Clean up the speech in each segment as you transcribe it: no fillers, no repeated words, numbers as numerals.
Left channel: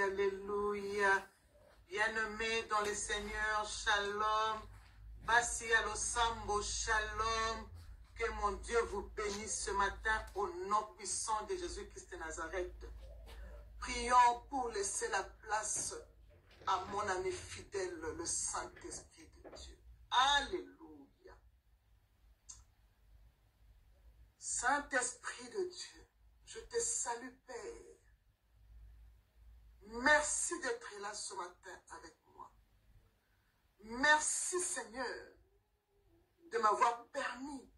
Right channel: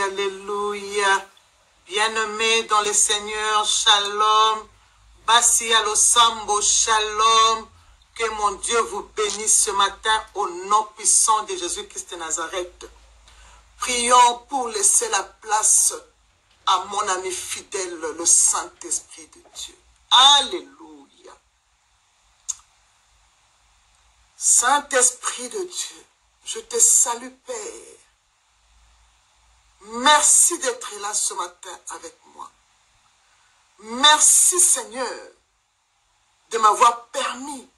alléluia, alléluia. Bien-aimés dans le Seigneur, shalom. Basi alosambo, shalom. Que mon Dieu vous bénisse ce matin au nom puissant de Jésus-Christ de Nazareth. Prions pour laisser la place à mon ami fidèle, le Saint-Esprit de Dieu. Alléluia. Saint-Esprit de Dieu, je te salue, Père. Merci d'être là ce matin avec moi. Merci, Seigneur, de m'avoir permis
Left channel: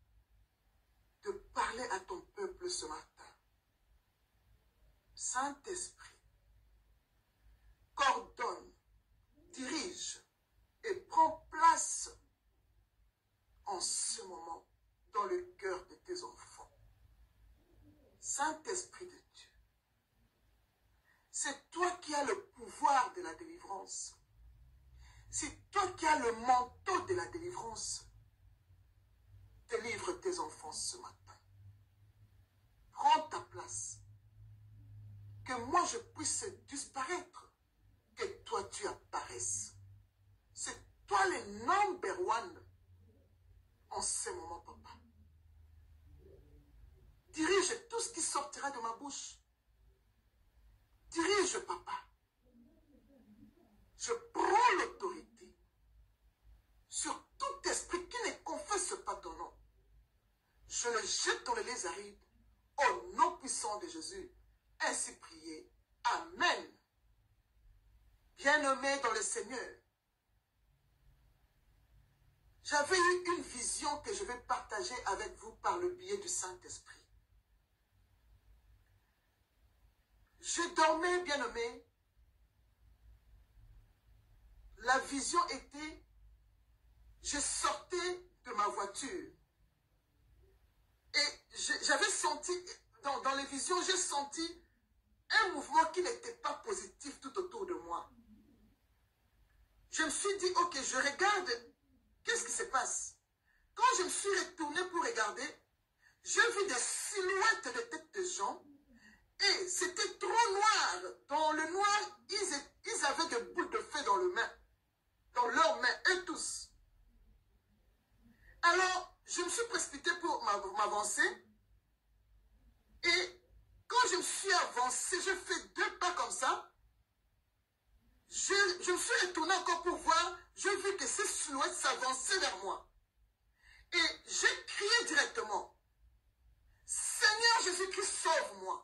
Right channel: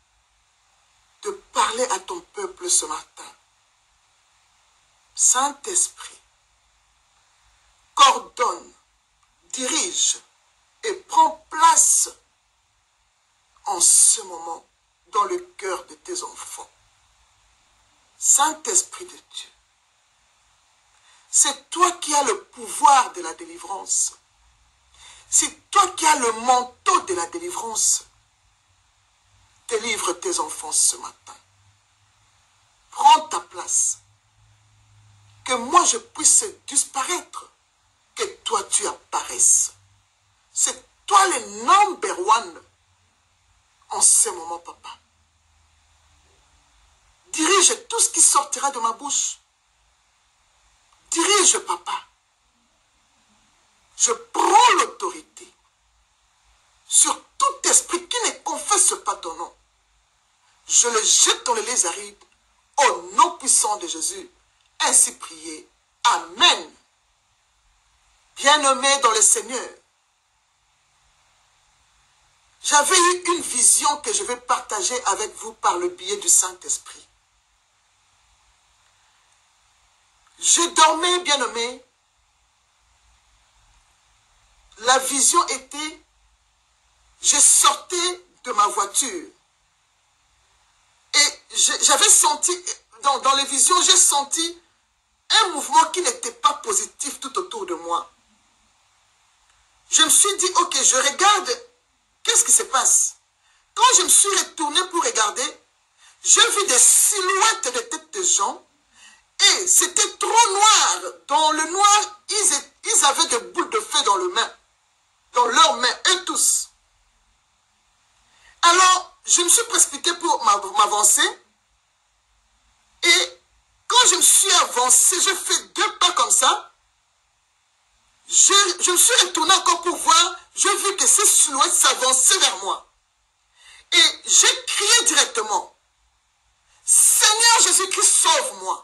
de parler à ton peuple ce matin. Saint-Esprit, coordonne, dirige et prends place en ce moment dans le cœur de tes enfants. Saint-Esprit de Dieu, c'est toi qui as le pouvoir de la délivrance. C'est toi qui as le manteau de la délivrance. Délivre tes enfants ce matin. Prends ta place. Que moi je puisse disparaître. Que toi tu apparaisses. C'est toi le number one en ce moment, papa. Dirige tout ce qui sortira de ma bouche. Dirige, papa. Je prends l'autorité sur tout esprit qui ne confesse pas ton nom. Je le jette dans les lits arides au nom puissant de Jésus. Ainsi prié. Amen. Bien-aimés dans le Seigneur, j'avais eu une vision que je vais partager avec vous par le biais du Saint-Esprit. Je dormais, bien-aimé. La vision était, je sortais de ma voiture. Et j'avais senti, dans les visions, j'ai senti un mouvement qui n'était pas positif tout autour de moi. Je me suis dit, ok, je regarde, qu'est-ce qui se passe? Quand je me suis retourné pour regarder, j'ai vu des silhouettes de têtes de gens. Et c'était trop noir. Dans le noir, ils avaient des boules de feu dans leurs mains, eux tous. Alors, je me suis précipité pour m'avancer. Et quand je me suis avancé, j'ai fait 2 pas comme ça. Je me suis retourné encore pour voir. J'ai vu que ces silhouettes s'avançaient vers moi. Et j'ai crié directement. Seigneur Jésus-Christ, sauve-moi.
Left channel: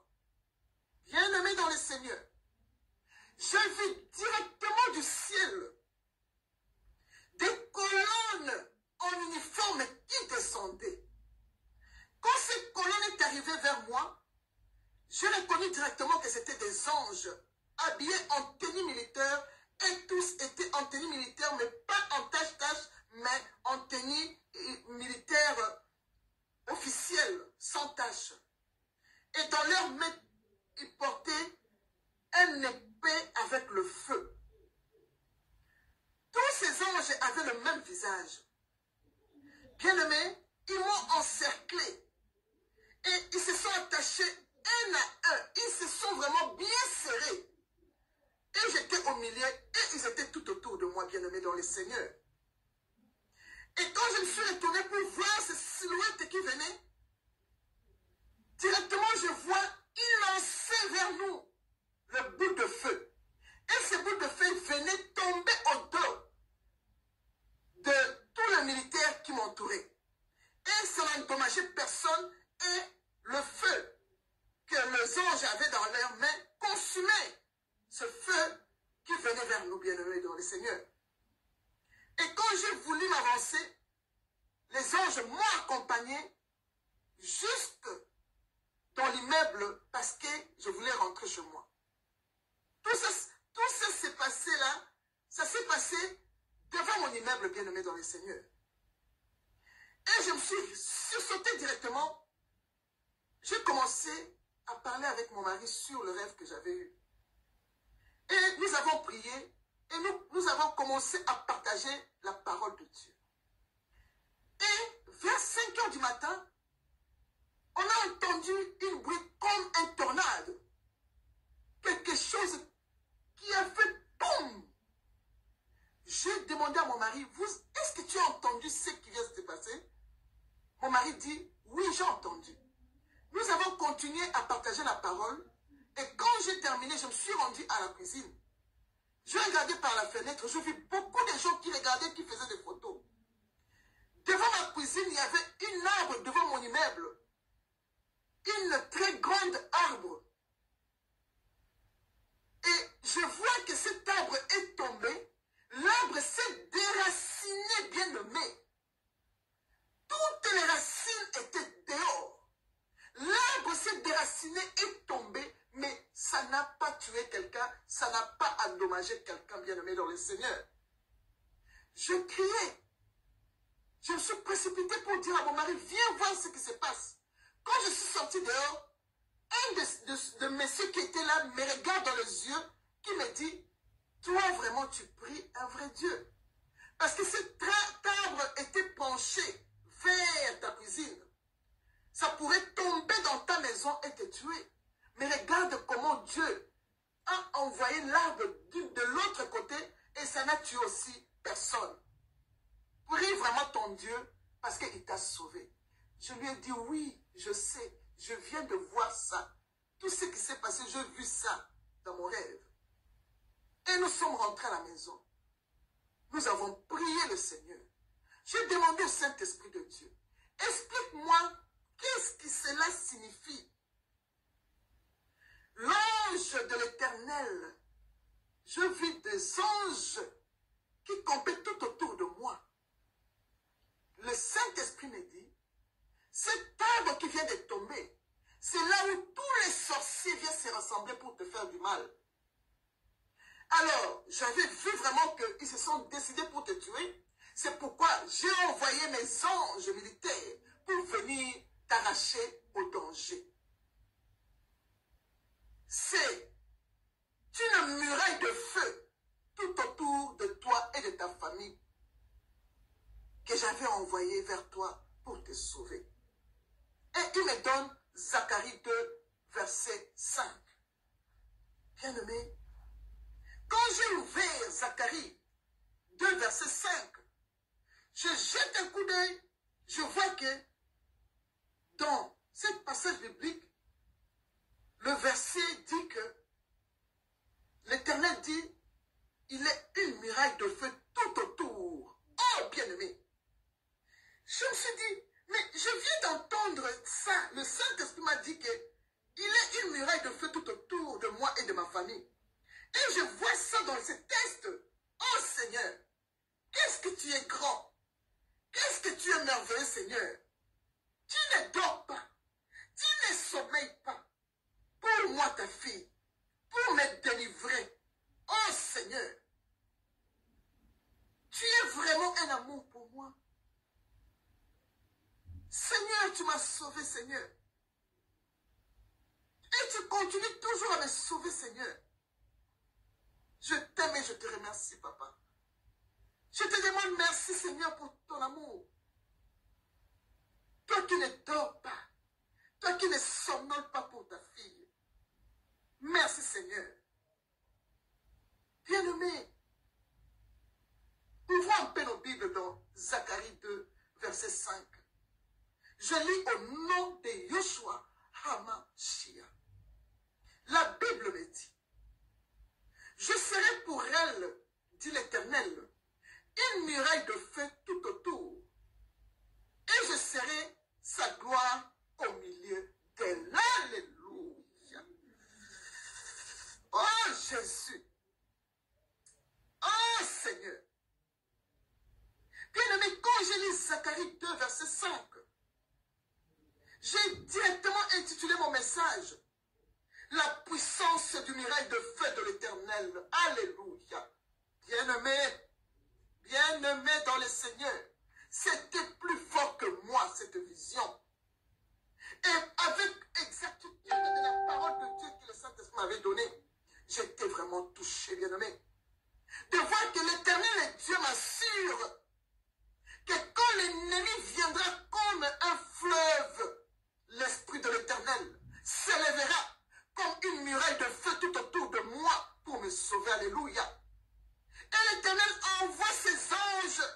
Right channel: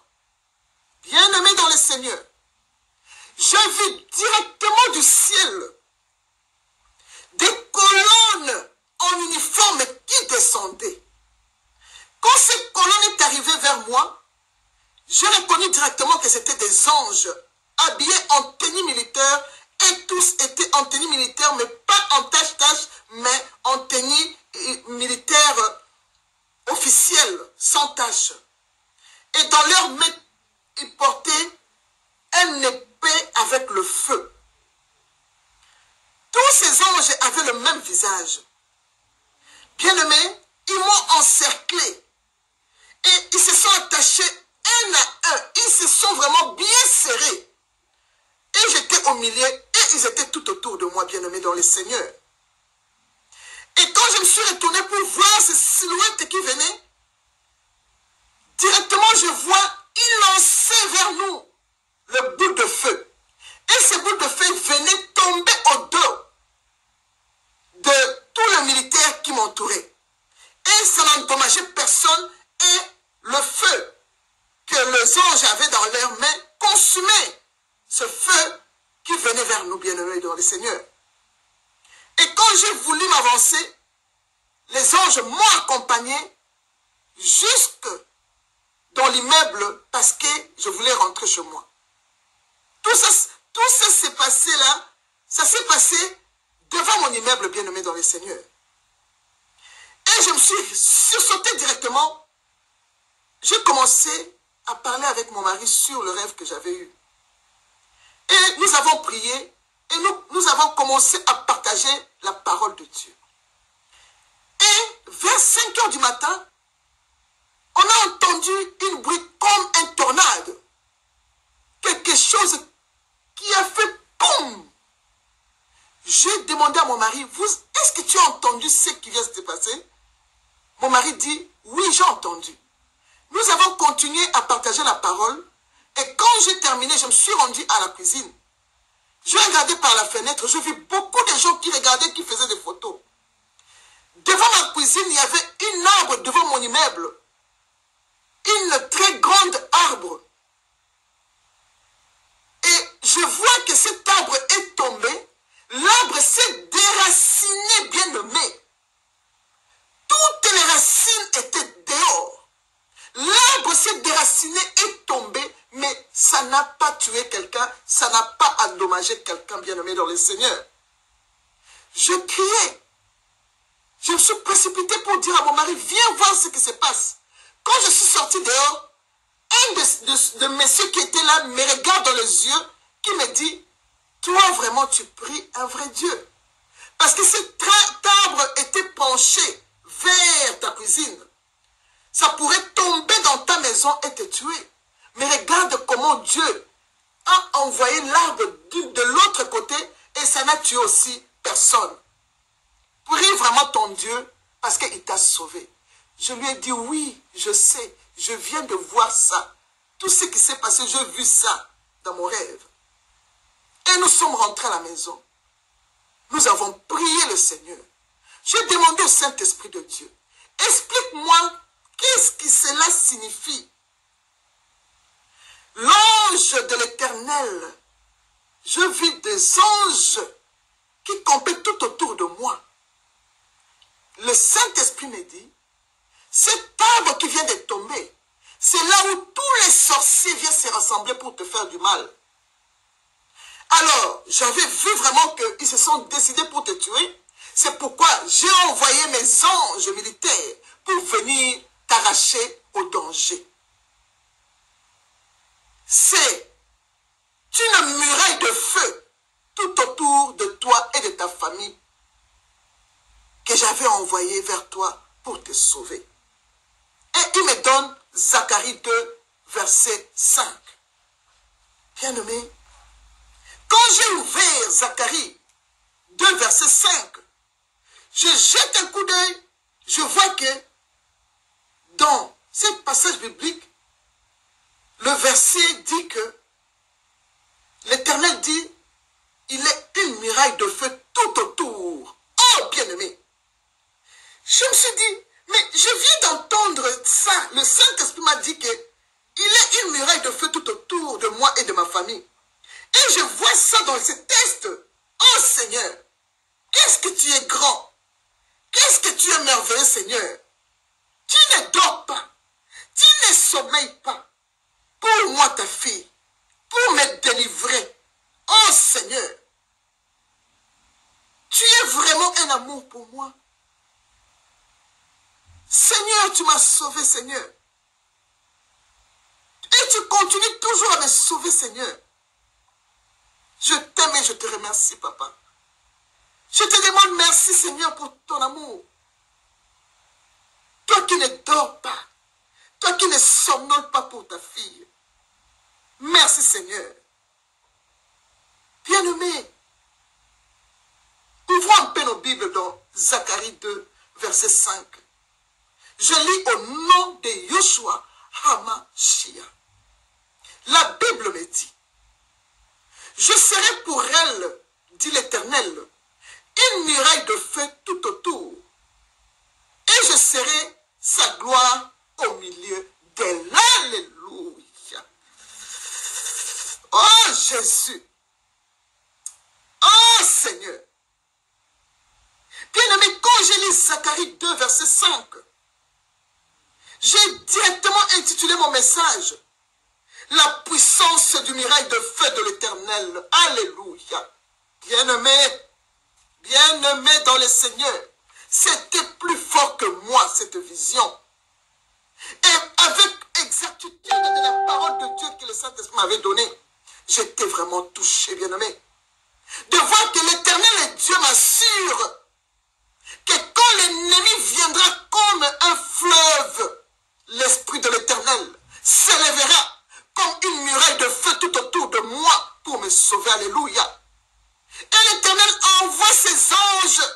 Bien-aimé dans le Seigneur, j'ai vu directement du ciel des colonnes en uniforme qui descendaient. Quand ces colonnes est arrivées vers moi, j'ai reconnu directement que c'était des anges habillés en tenue militaire et tous étaient en tenue militaire, mais pas en tache-tache, mais en tenue militaire officielle, sans tache. Et dans leurs mains, ils portaient une épée avec le feu. Tous ces anges avaient le même visage. Bien-aimés, ils m'ont encerclé. Et ils se sont attachés un à un. Ils se sont vraiment bien serrés. Et j'étais au milieu et ils étaient tout autour de moi, bien-aimés dans le Seigneur. Et quand je me suis retourné pour voir ces silhouettes qui venaient, directement je vois, ils lançaient vers nous le boule de feu. Et ces boules de feu venaient tomber au dos de tous les militaires qui m'entouraient. Et ça n'endommageait personne. Et le feu que les anges avaient dans leurs mains consumait ce feu qui venait vers nous, bien-aimés dans le Seigneur. Et quand j'ai voulu m'avancer, les anges m'ont accompagné jusque dans l'immeuble parce que je voulais rentrer chez moi. Tout ça s'est passé là, ça s'est passé devant mon immeuble, bien-aimé dans le Seigneur. Et je me suis sursauté directement. J'ai commencé à parler avec mon mari sur le rêve que j'avais eu. Et nous avons prié et nous avons commencé à partager la parole de Dieu. Et vers 5 heures du matin, on a entendu une bruit comme un tornade. Quelque chose qui a fait boum. J'ai demandé à mon mari, est-ce que tu as entendu ce qui vient de se passer? Mon mari dit, oui, j'ai entendu. Nous avons continué à partager la parole. Et quand j'ai terminé, je me suis rendu à la cuisine. Je regardais par la fenêtre, je vis beaucoup de gens qui regardaient, qui faisaient des photos. Devant ma cuisine, il y avait un arbre devant mon immeuble. Une très grande arbre. Et je vois que cet arbre est tombé. L'arbre s'est déraciné, bien nommé. Toutes les racines étaient dehors. L'arbre s'est déraciné et tombé, mais ça n'a pas tué quelqu'un, ça n'a pas endommagé quelqu'un, bien nommé dans le Seigneur. Je criais. Je me suis précipité pour dire à mon mari, viens voir ce qui se passe. Quand je suis sorti dehors, un de messieurs qui était là me regarde dans les yeux, qui me dit, toi vraiment tu pries un vrai Dieu. Parce que cet arbre était penché vers ta cuisine. Ça pourrait tomber dans ta maison et te tuer. Mais regarde comment Dieu a envoyé l'arbre de l'autre côté et ça n'a tué aussi personne. Prie vraiment ton Dieu parce qu'il t'a sauvé. Je lui ai dit oui, je sais, je viens de voir ça. Tout ce qui s'est passé, j'ai vu ça dans mon rêve. Et nous sommes rentrés à la maison. Nous avons prié le Seigneur. J'ai demandé au Saint-Esprit de Dieu, explique-moi qu'est-ce que cela signifie. L'ange de l'Éternel, je vis des anges qui campaient tout autour de moi. Le Saint-Esprit me dit, cet arbre qui vient de tomber, c'est là où tous les sorciers viennent se rassembler pour te faire du mal. Alors, j'avais vu vraiment qu'ils se sont décidés pour te tuer. C'est pourquoi j'ai envoyé mes anges militaires pour venir t'arracher au danger. C'est une muraille de feu tout autour de toi et de ta famille que j'avais envoyé vers toi pour te sauver. Et il me donne Zacharie 2, verset 5. Bien-aimé, quand j'ai ouvert Zacharie 2, verset 5, je jette un coup d'œil, je vois que dans ce passage biblique, le verset dit que l'Éternel dit, il est une muraille de feu tout autour. Oh, bien-aimé! Je me suis dit, mais je viens d'entendre ça. Le Saint-Esprit m'a dit qu'il est une muraille de feu tout autour de moi et de ma famille. Et je vois ça dans ce texte. Oh Seigneur, qu'est-ce que tu es grand. Qu'est-ce que tu es merveilleux, Seigneur. Tu ne dors pas. Tu ne sommeilles pas. Pour moi, ta fille, pour me délivrer. Oh Seigneur, tu es vraiment un amour pour moi. Seigneur, tu m'as sauvé, Seigneur. Et tu continues toujours à me sauver, Seigneur. Je t'aime et je te remercie, Papa. Je te demande merci, Seigneur, pour ton amour. Toi qui ne dors pas. Toi qui ne somnoles pas pour ta fille. Merci, Seigneur. Bien-aimé, ouvrons un peu nos Bibles dans Zacharie 2, verset 5. Je lis au nom de Yoshua HaMashiach. La Bible me dit, je serai pour elle, dit l'Éternel, une muraille de feu tout autour, et je serai sa gloire au milieu d'elle. Alléluia. Oh Jésus. Oh Seigneur. Bien-aimé, quand je lis Zacharie 2, verset 5, j'ai directement intitulé mon message la puissance du miracle de feu de l'Éternel. Alléluia. Bien-aimé dans le Seigneur, c'était plus fort que moi cette vision. Et avec exactitude de la parole de Dieu que le Saint-Esprit m'avait donnée, j'étais vraiment touché, bien-aimé. De voir que l'Éternel Dieu m'assure que quand l'ennemi viendra comme un fleuve, l'Esprit de l'Éternel s'élèvera comme une muraille de feu tout autour de moi pour me sauver. Alléluia. Et l'Éternel envoie ses anges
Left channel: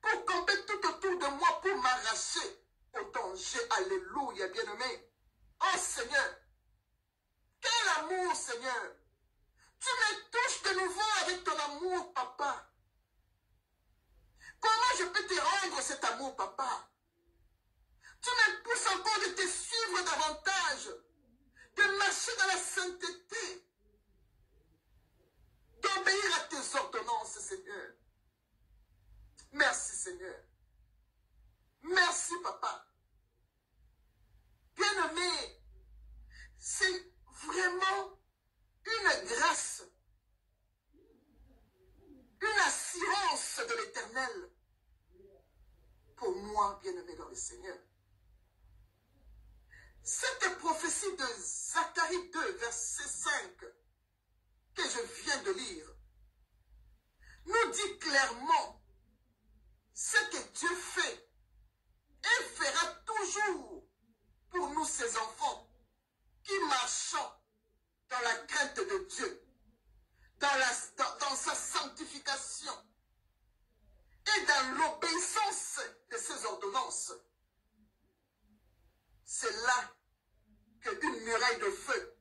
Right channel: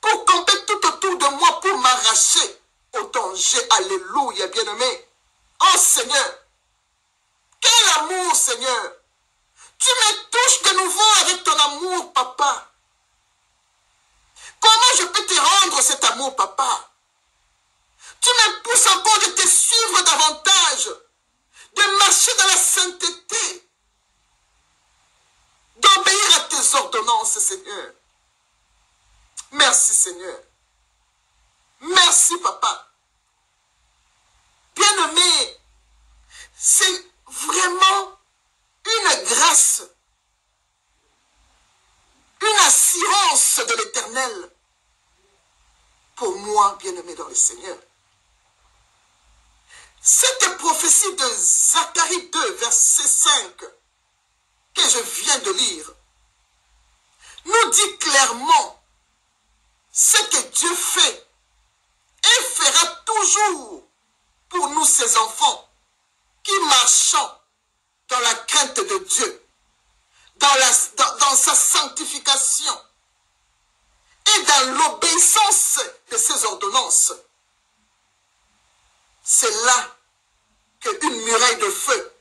pour camper tout autour de moi, pour m'arracher au danger. Alléluia, bien-aimé. Oh Seigneur, quel amour, Seigneur. Tu me touches de nouveau avec ton amour, papa. Comment je peux te rendre cet amour, papa? Tu me pousses encore de te suivre davantage, de marcher dans la sainteté, d'obéir à tes ordonnances, Seigneur. Merci, Seigneur. Merci, papa. Bien-aimé, c'est vraiment une grâce, une assurance de l'Éternel pour moi, bien-aimé dans le Seigneur. Cette prophétie de Zacharie 2, verset 5, que je viens de lire, nous dit clairement ce que Dieu fait et fera toujours pour nous, ses enfants, qui marchons dans la crainte de Dieu, dans sa sanctification et dans l'obéissance de ses ordonnances. C'est là qu'une muraille de feu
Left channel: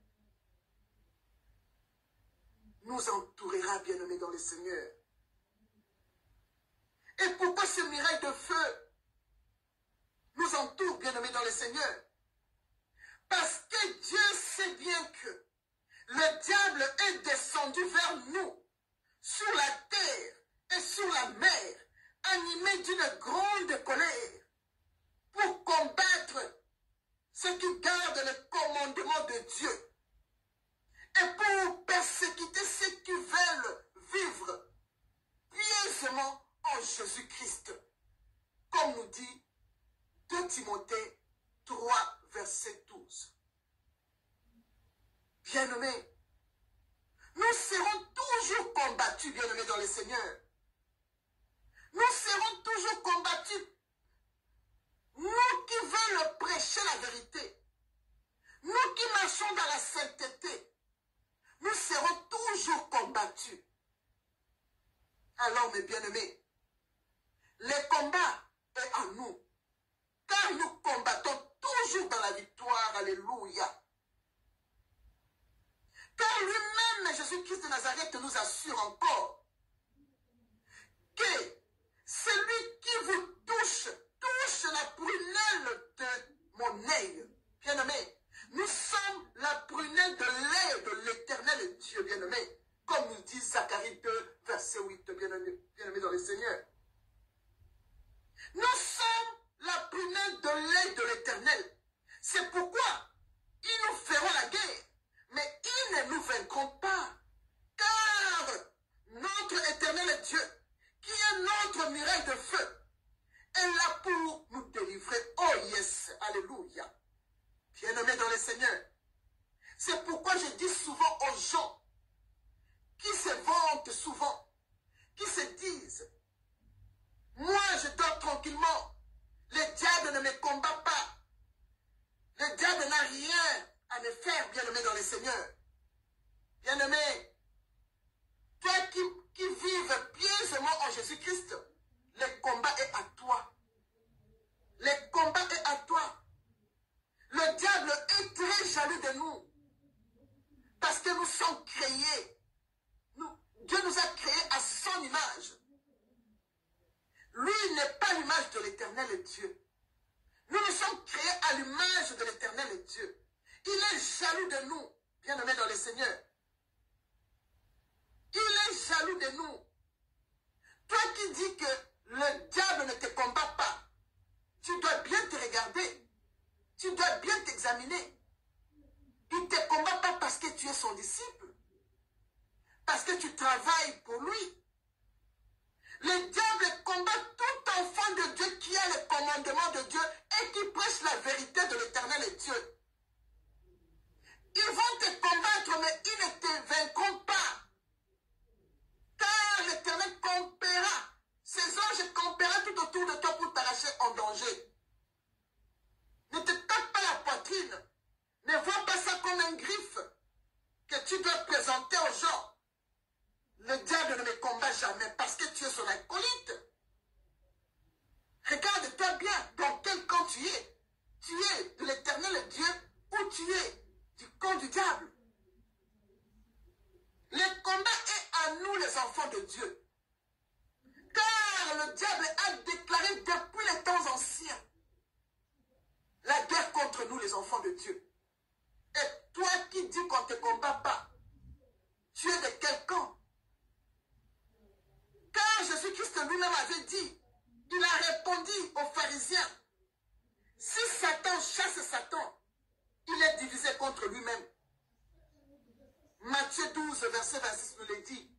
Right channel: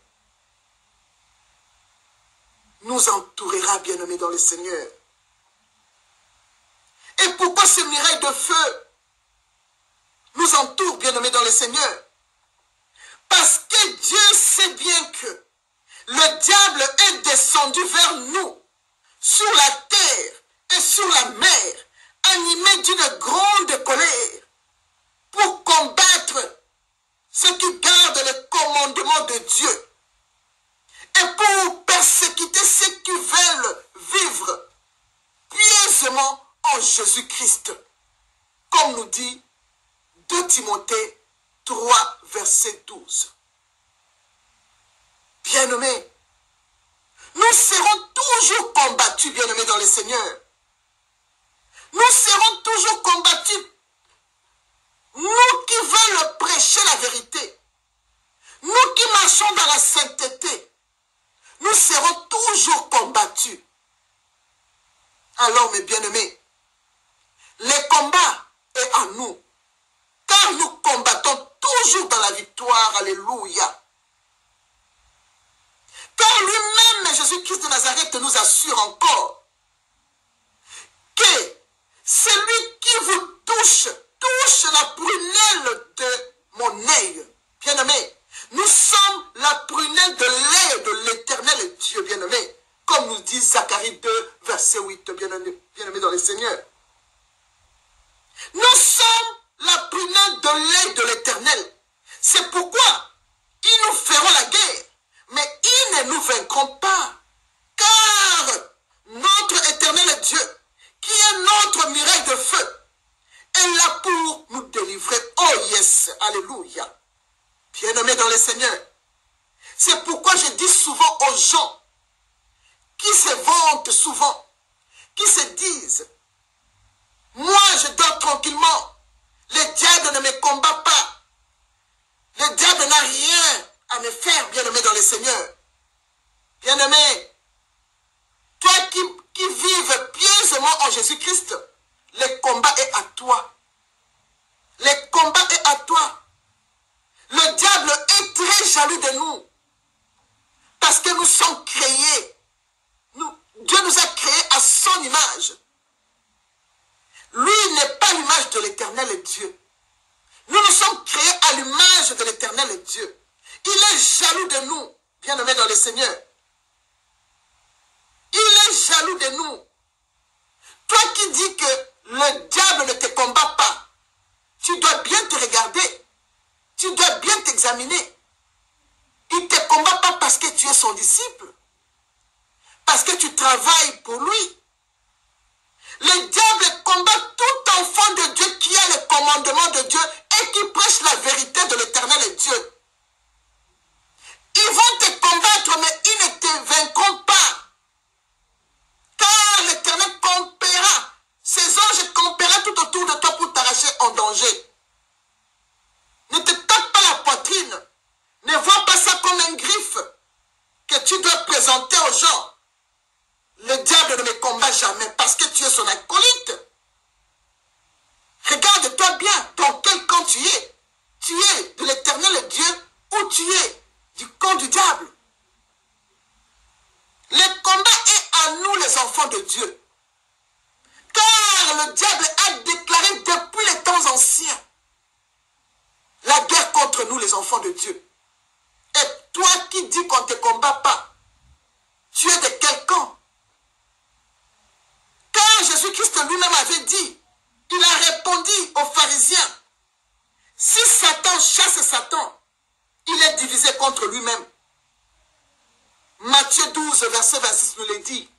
nous entourera, bien-aimés dans le Seigneur. Et pourquoi ces murailles de feu nous entourent, bien-aimés dans le Seigneur? Parce que Dieu sait bien que le diable est descendu vers nous, sur la terre et sur la mer, animé d'une grande colère, pour combattre ceux qui gardent le commandement de Dieu et pour persécuter ceux qui veulent vivre pieusement en Jésus-Christ, comme nous dit 2 Timothée 3, verset 12. Bien-aimés, nous serons toujours combattus, bien-aimés dans le Seigneur. Nous serons toujours combattus. Nous qui veulent prêcher la vérité, nous qui marchons dans la sainteté, nous serons toujours combattus. Alors, mes bien-aimés, le combat est en nous, car nous combattons toujours dans la victoire. Alléluia. Car lui-même, Jésus-Christ de Nazareth, nous assure encore que celui qui vous touche la prunelle de mon œil. Bien-aimé, nous sommes la prunelle de l'œil de l'Éternel Dieu, bien-aimé. Comme nous dit Zacharie 2, verset 8, bien-aimé dans le Seigneur. Nous sommes la prunelle de l'œil de l'Éternel. C'est pourquoi ils nous feront la guerre, mais ils ne nous vaincront pas. Car notre Éternel Dieu, qui est notre muraille de feu, est là pour nous délivrer. Oh yes, alléluia. Bien-aimés dans le Seigneur. C'est pourquoi je dis souvent aux gens qui se vantent souvent, qui se disent, moi je dors tranquillement, le diable ne me combat pas, le diable n'a rien à me faire, bien-aimé dans le Seigneur. Bien-aimé, toi qui vives pieusement en Jésus-Christ, le combat est à toi. Le combat est à toi. Le diable est très jaloux de nous. Parce que nous sommes créés. Dieu nous a créés à son image. Lui n'est pas l'image de l'Éternel Dieu. Nous nous sommes créés à l'image de l'Éternel Dieu. Il est jaloux de nous, bien-aimés dans le Seigneur. Il est jaloux de nous. Toi qui dis que le diable ne te combat pas, tu dois bien te regarder. Tu dois bien t'examiner. Il ne te combat pas parce que tu es son disciple. Parce que tu travailles pour lui. Le diable combat tout enfant de Dieu qui a le commandement de Dieu et qui prêche la vérité de l'Éternel Dieu. Ils vont te combattre, mais ils ne te vaincront pas. Car l'Éternel campera. Ses anges campera tout autour de toi pour t'arracher en danger. Ne te tape pas la poitrine. Ne vois pas ça comme un griffe que tu dois présenter Le diable ne me combat jamais parce que tu es son acolyte. Regarde-toi bien dans quel camp tu es. Tu es de l'Éternel Dieu ou tu es du camp du diable. Le combat est à nous les enfants de Dieu. Car le diable a déclaré depuis les temps anciens la guerre contre nous les enfants de Dieu. Et toi qui dis qu'on ne te combat pas, tu es de quel camp? Car Jésus-Christ lui-même avait dit, il a répondu aux pharisiens, si Satan chasse Satan, il est divisé contre lui-même. Matthieu 12, verset 26 nous le dit.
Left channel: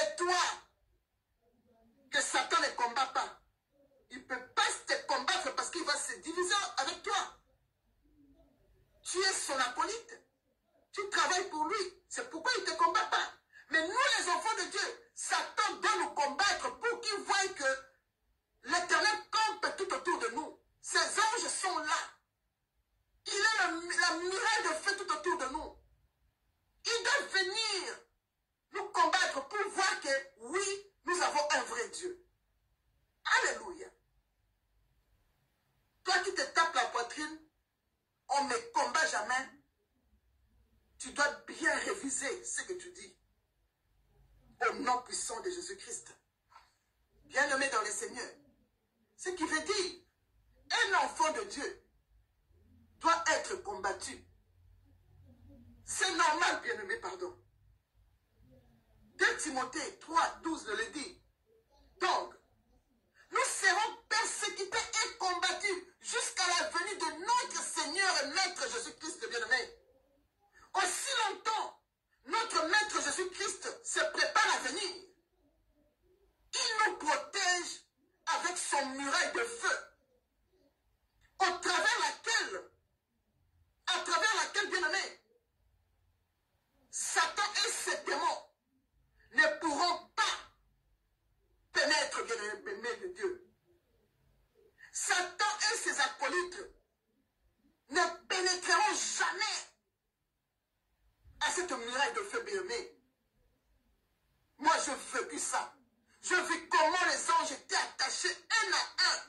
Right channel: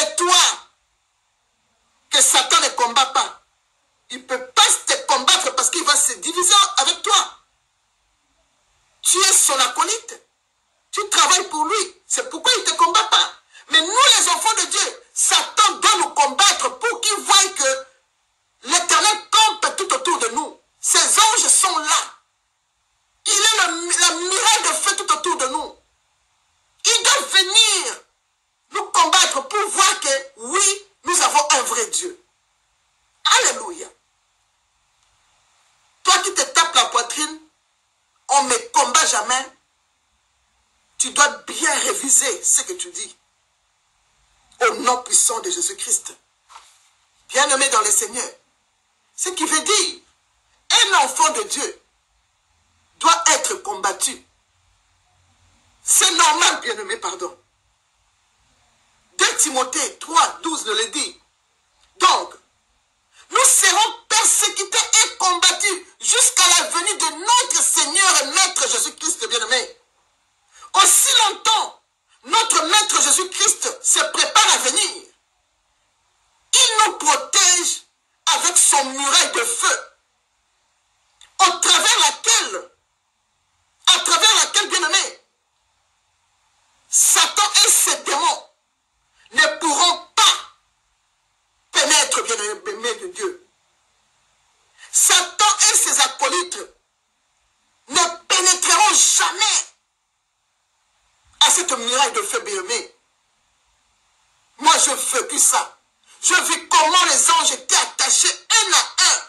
Et toi, que Satan ne combat pas, il ne peut pas te combattre parce qu'il va se diviser avec toi. Tu es son acolyte. Tu travailles pour lui. C'est pourquoi il ne te combat pas. Mais nous, les enfants de Dieu, Satan doit nous combattre pour qu'il voie que l'Éternel campe tout autour de nous. Ses anges sont là. Il est la muraille de feu tout autour de nous. Il doit venir nous combattre pour voir que, oui, nous avons un vrai Dieu. Alléluia. Toi qui te tapes la poitrine, on ne me combat jamais. Tu dois bien réviser ce que tu dis. Au nom puissant de Jésus-Christ. Bien-aimé dans le Seigneur. Ce qui veut dire, un enfant de Dieu doit être combattu. C'est normal, bien-aimé, pardon. 2 Timothée 3, 12 nous le dit. Donc, nous serons persécutés et combattus jusqu'à la venue de notre Seigneur et Maître Jésus-Christ, bien-aimé. Aussi longtemps, notre Maître Jésus-Christ se prépare à venir. Il nous protège avec son muraille de feu, à travers laquelle, bien-aimé, Satan et ses démons ne pourront pas pénétrer, bien-aimé de Dieu. Satan et ses acolytes ne pénétreront jamais à cette muraille de feu, bien-aimé. Moi, je vécu ça. Je vis comment les anges étaient attachés un à un.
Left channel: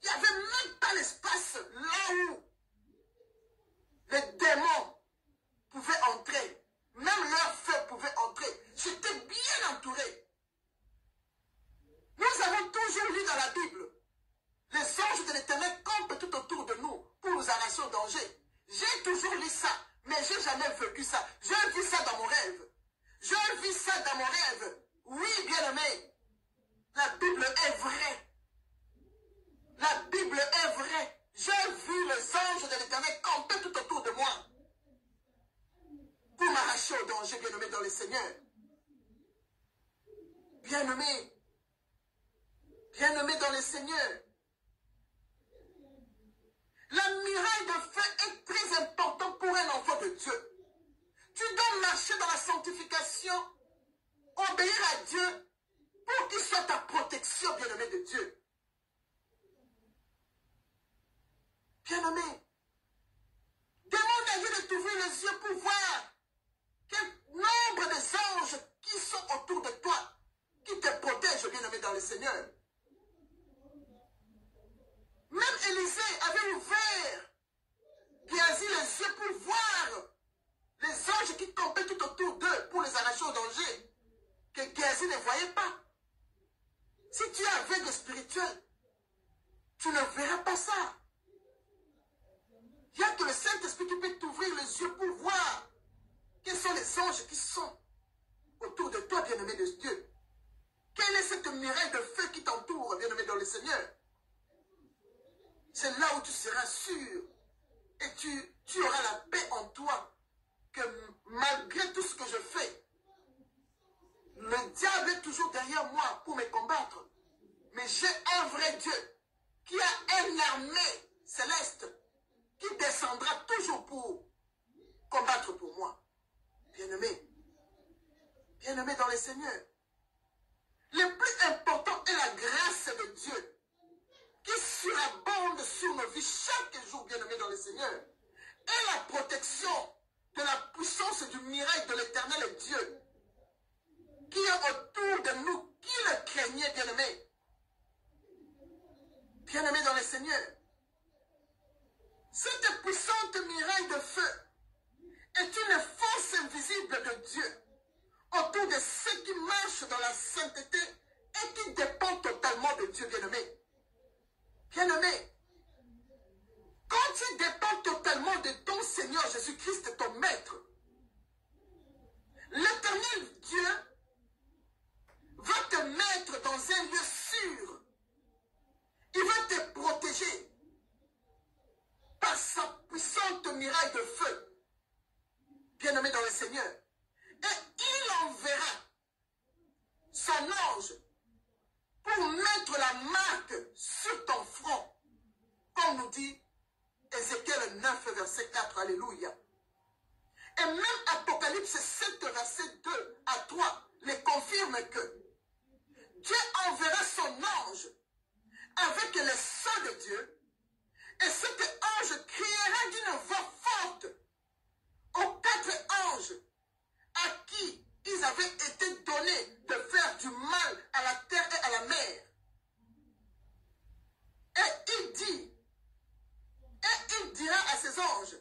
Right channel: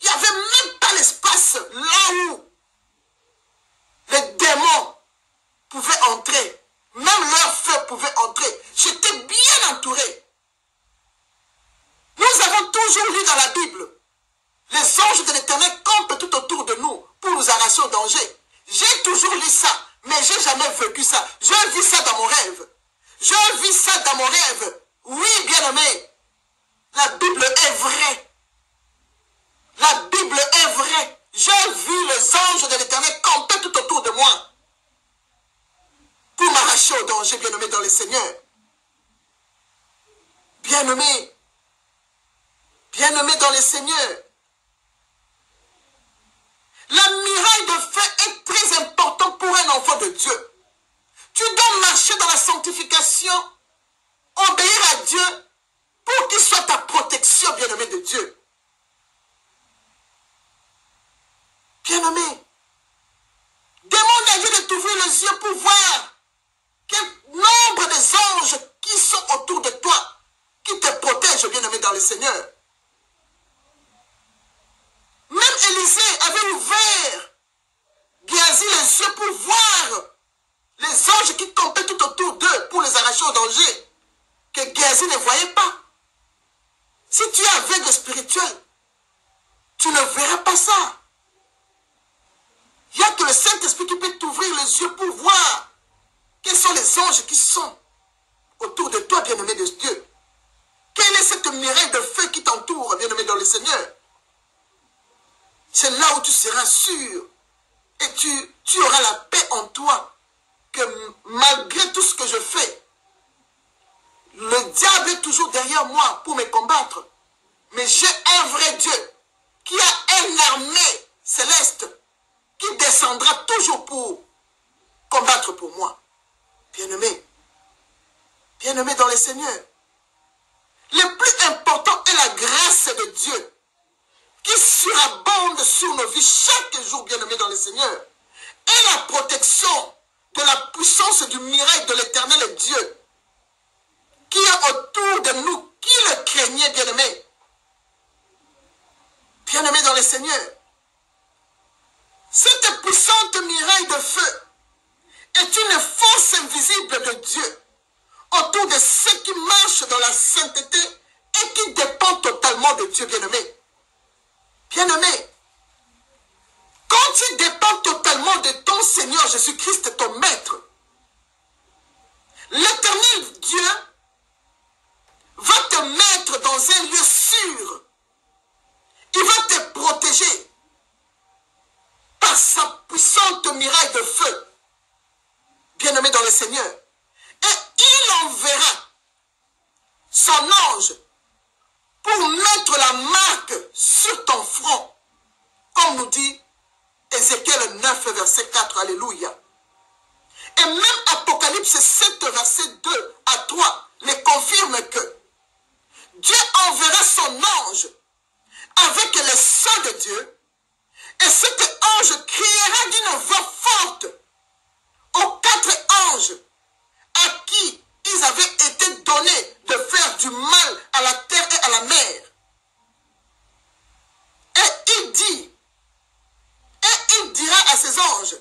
Il n'y avait même pas l'espace là où les démons pouvaient entrer. Même leur feu pouvait entrer. J'étais bien entouré. Nous avons toujours lu dans la Bible. Les anges de l'Éternel campent tout autour de nous pour nous arracher au danger. J'ai toujours lu ça, mais je n'ai jamais vécu ça. Je vis ça dans mon rêve. Je vis ça dans mon rêve. Oui, bien-aimé, la Bible est vraie. La Bible est vraie. J'ai vu les anges de l'Éternel camper tout autour de moi pour m'arracher au danger, bien-aimé dans le Seigneur. Bien-aimé, bien-aimé dans le Seigneur. La muraille de feu est très importante pour un enfant de Dieu. Tu dois marcher dans la sanctification, obéir à Dieu, pour qu'il soit ta protection, bien-aimé de Dieu. Bien-aimé, demande à Dieu de t'ouvrir les yeux pour voir quel nombre des anges qui sont autour de toi, qui te protègent, bien-aimé dans le Seigneur. Même Élisée avait ouvert Géasi les yeux pour voir les anges qui campaient tout autour d'eux pour les arracher au danger, que Géasi ne voyait pas. Si tu es aveugle spirituel, tu ne verras pas ça. Il n'y a que le Saint-Esprit qui peut t'ouvrir les yeux pour voir quels sont les anges qui sont autour de toi, bien-aimé de Dieu. Quelle est cette muraille de feu qui t'entoure, bien-aimé dans le Seigneur? C'est là où tu seras sûr et tu auras la paix en toi que malgré tout ce que je fais, le diable est toujours derrière moi pour me combattre. Mais j'ai un vrai Dieu qui a une armée céleste qui descendra toujours pour combattre pour moi. Bien-aimé, bien-aimé dans le Seigneur, le plus important est la grâce de Dieu qui surabonde sur nos vies chaque jour, bien-aimé dans le Seigneur, et la protection de la puissance du miracle de l'Éternel Dieu Seigneur, cette puissante muraille de feu est une force invisible de Dieu autour de ceux qui marchent dans la sainteté et qui dépendent totalement de Dieu, bien-aimé. Bien-aimé, quand tu dépends totalement de ton Seigneur Jésus-Christ, ton Maître, l'Éternel Dieu va te mettre dans un lieu sûr. Il va te protéger par sa puissante muraille de feu, bien-aimé dans le Seigneur. Et il enverra son ange pour mettre la marque sur ton front, comme nous dit Ézéchiel 9, verset 4, alléluia. Et même Apocalypse 7, verset 2 à 3, les confirme que Dieu enverra son ange avec les saints de Dieu, et cet ange criera d'une voix forte aux 4 anges à qui ils avaient été donnés de faire du mal à la terre et à la mer. Et il dira à ses anges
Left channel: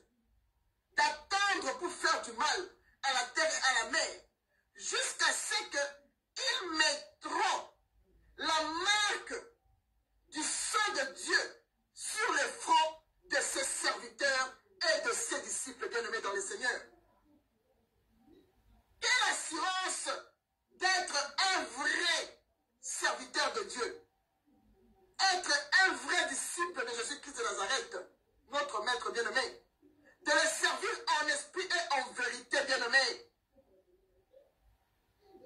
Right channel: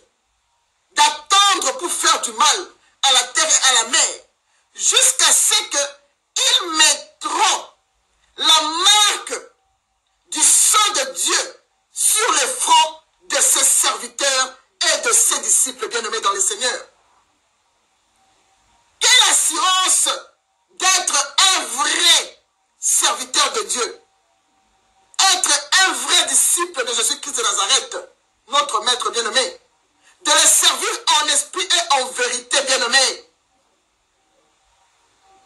d'attendre pour faire du mal à la terre et à la mer, jusqu'à ce qu'ils mettront la marque du sang de Dieu sur les fronts de ses serviteurs et de ses disciples bien-aimés dans le Seigneur. Quelle assurance d'être un vrai serviteur de Dieu, être un vrai disciple de Jésus-Christ de Nazareth, notre Maître bien-aimé, de le servir en esprit et en vérité, bien-aimé.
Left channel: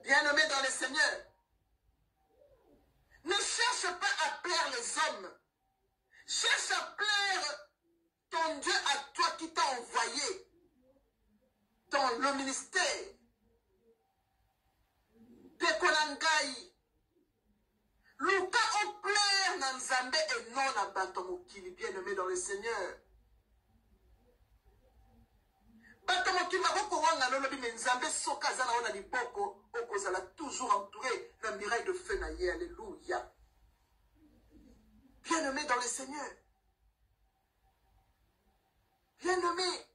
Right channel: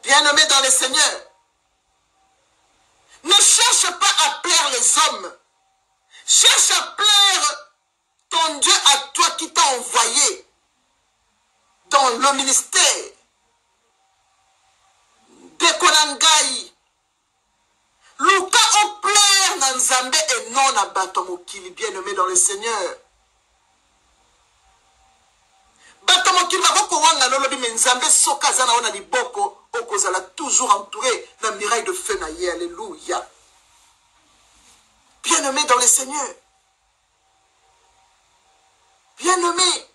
Bien-aimé dans le Seigneur, ne cherche pas à plaire les hommes. Cherche à plaire ton Dieu à toi qui t'a envoyé dans le ministère de Konangai. Luka on plaire dans Nzambe et non à Batomokili, bien-aimé dans le Seigneur. Batomokili va beaucoup wanga nolobi mais Nzambe soka zana ona liboko okozala toujours entouré d'un miraille de feu naïe. Alléluia. Bien-aimé dans le Seigneur. Bien-aimé.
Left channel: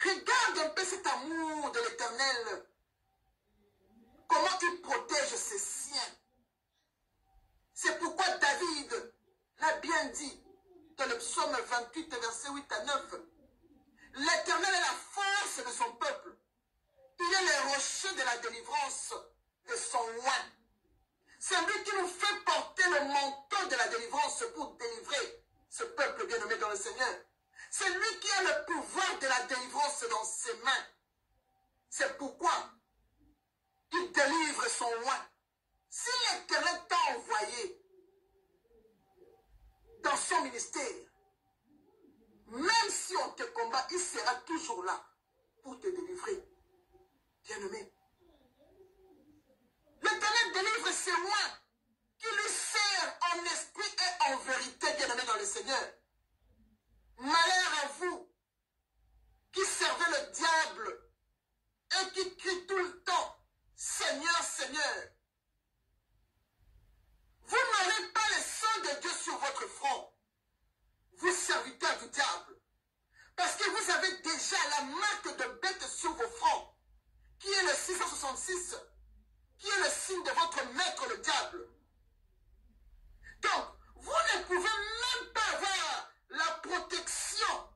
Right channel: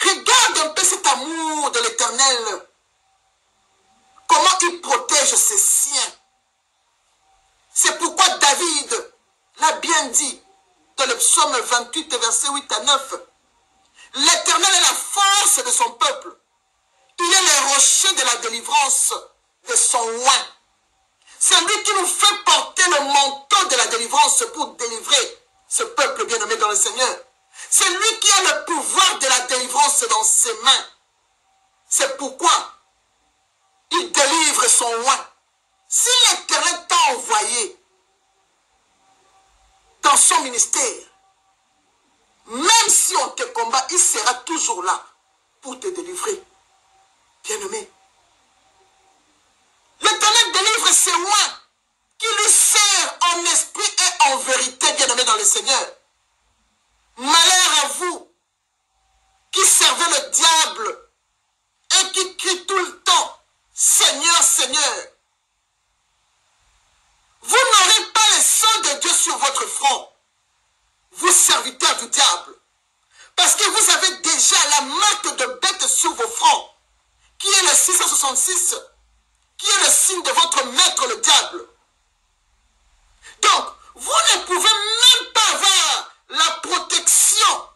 Regarde un peu cet amour de l'Éternel. Comment il protège ses siens. C'est pourquoi David l'a bien dit dans le psaume 28, versets 8 à 9. L'Éternel est la force de son peuple. Il est le rocher de la délivrance de son oint. C'est lui qui nous fait porter le manteau de la délivrance pour délivrer ce peuple bien-aimé dans le Seigneur. C'est lui qui a le pouvoir de la délivrance dans ses mains. C'est pourquoi il délivre son oint. Si l'Éternel t'a envoyé dans son ministère, même si on te combat, il sera toujours là pour te délivrer. Bien-aimé. L'Éternel délivre ses oints qui lui sert en esprit et en vérité, bien-aimé dans le Seigneur. Malheur à vous qui servez le diable et qui crient tout le temps, Seigneur, Seigneur. Vous n'aurez pas le sang de Dieu sur votre front, vous serviteurs du diable, parce que vous avez déjà la marque de bête sur vos fronts, qui est le 666, qui est le signe de votre maître, le diable. Donc, vous ne pouvez même pas avoir la protection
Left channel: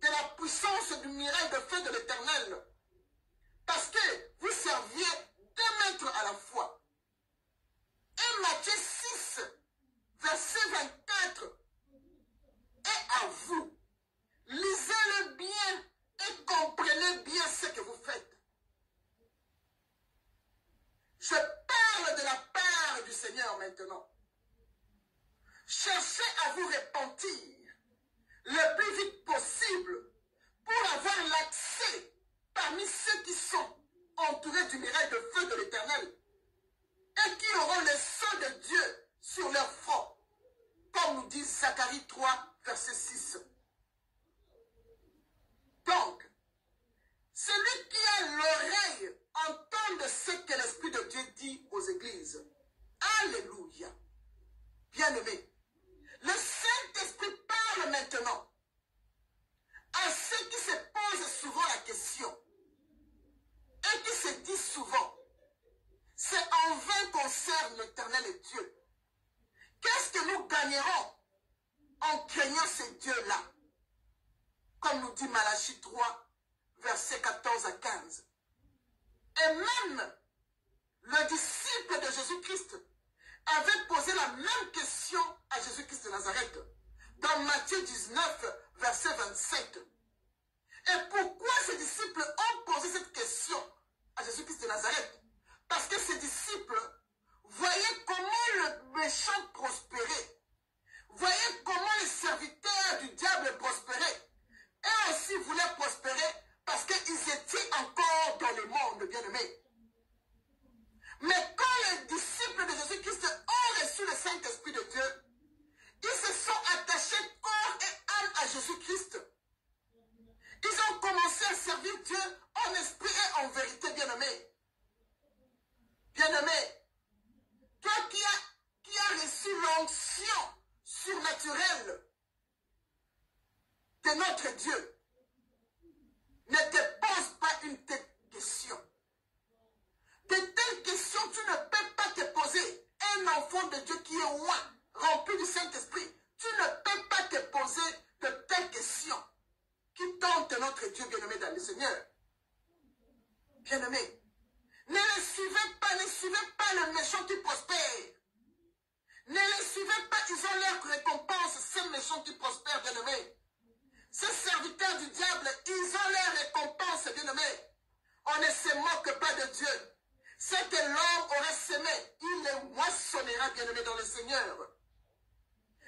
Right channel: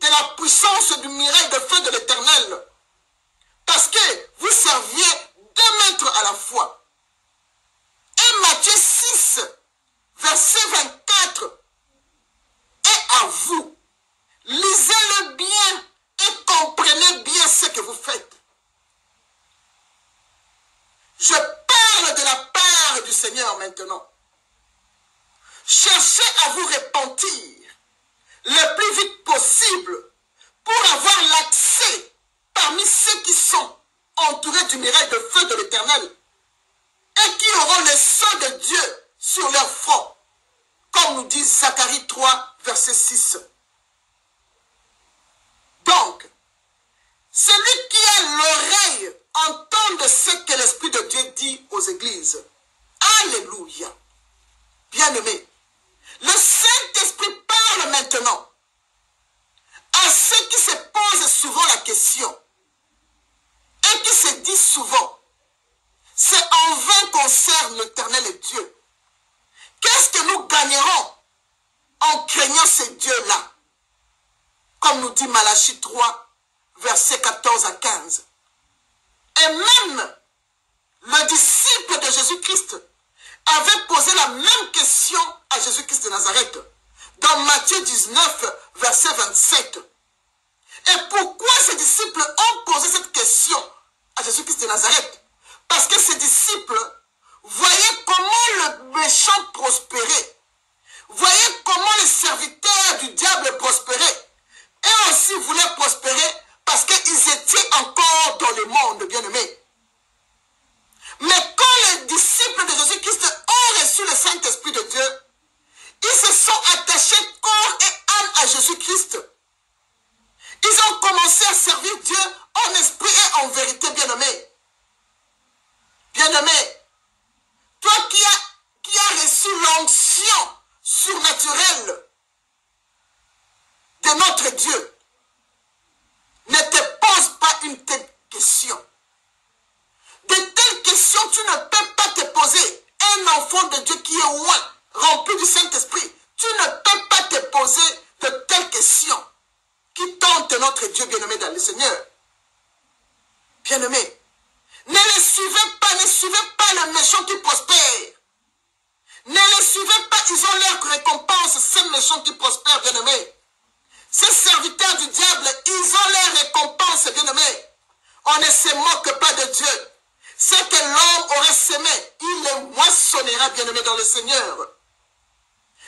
de la puissance du miracle de feu de l'Éternel, parce que vous serviez 2 maîtres à la fois. Et Matthieu 6, verset 24, est à vous. Lisez-le bien et comprenez bien ce que vous faites. Je parle de la part du Seigneur maintenant. Cherchez à vous repentir le plus vite possible pour avoir l'accès parmi ceux qui sont entourés du miracle de feu de l'Éternel et qui auront le sang de Dieu sur leur front, comme nous dit Zacharie 3, verset 6. Donc, celui qui a l'oreille entende ce que l'Esprit de Dieu dit aux églises. Alléluia. Bien-aimé, le Saint souvent, c'est en vain qu'on sert l'Éternel et Dieu. Qu'est-ce que nous gagnerons en craignant ce Dieu-là? Comme nous dit Malachie 3, versets 14 à 15. Et même le disciple de Jésus-Christ avait posé la même question à Jésus-Christ de Nazareth dans Matthieu 19, verset 27. Et pourquoi ces disciples ont posé cette question à Jésus-Christ de Nazareth? Parce que ces disciples voyaient comment le méchant prospérait, voyaient comment les serviteurs du diable prospéraient, et aussi voulaient prospérer parce qu'ils étaient encore dans le monde, bien-aimés. Mais quand les disciples de Jésus-Christ ont reçu le Saint-Esprit de Dieu, ils se sont attachés corps et âme à Jésus-Christ. Ils ont commencé à servir Dieu en esprit et en vérité, bien-aimé. Bien-aimé, toi qui as reçu l'onction surnaturelle de notre Dieu, ne te pose pas une telle question. De telles questions, tu ne peux pas te poser. Un enfant de Dieu qui est loin, rempli du Saint-Esprit, tu ne peux pas te poser de telles questions qui tentent notre Dieu bien-aimé dans le Seigneur. Bien-aimé, ne suivez pas le méchant qui prospère. Ne les suivez pas, ils ont leur récompense, ces méchants qui prospèrent, bien-aimé. Ces serviteurs du diable, ils ont leur récompense, bien-aimé. On ne se moque pas de Dieu. Ce que l'homme aurait semé, il le moissonnera, bien-aimé, dans le Seigneur.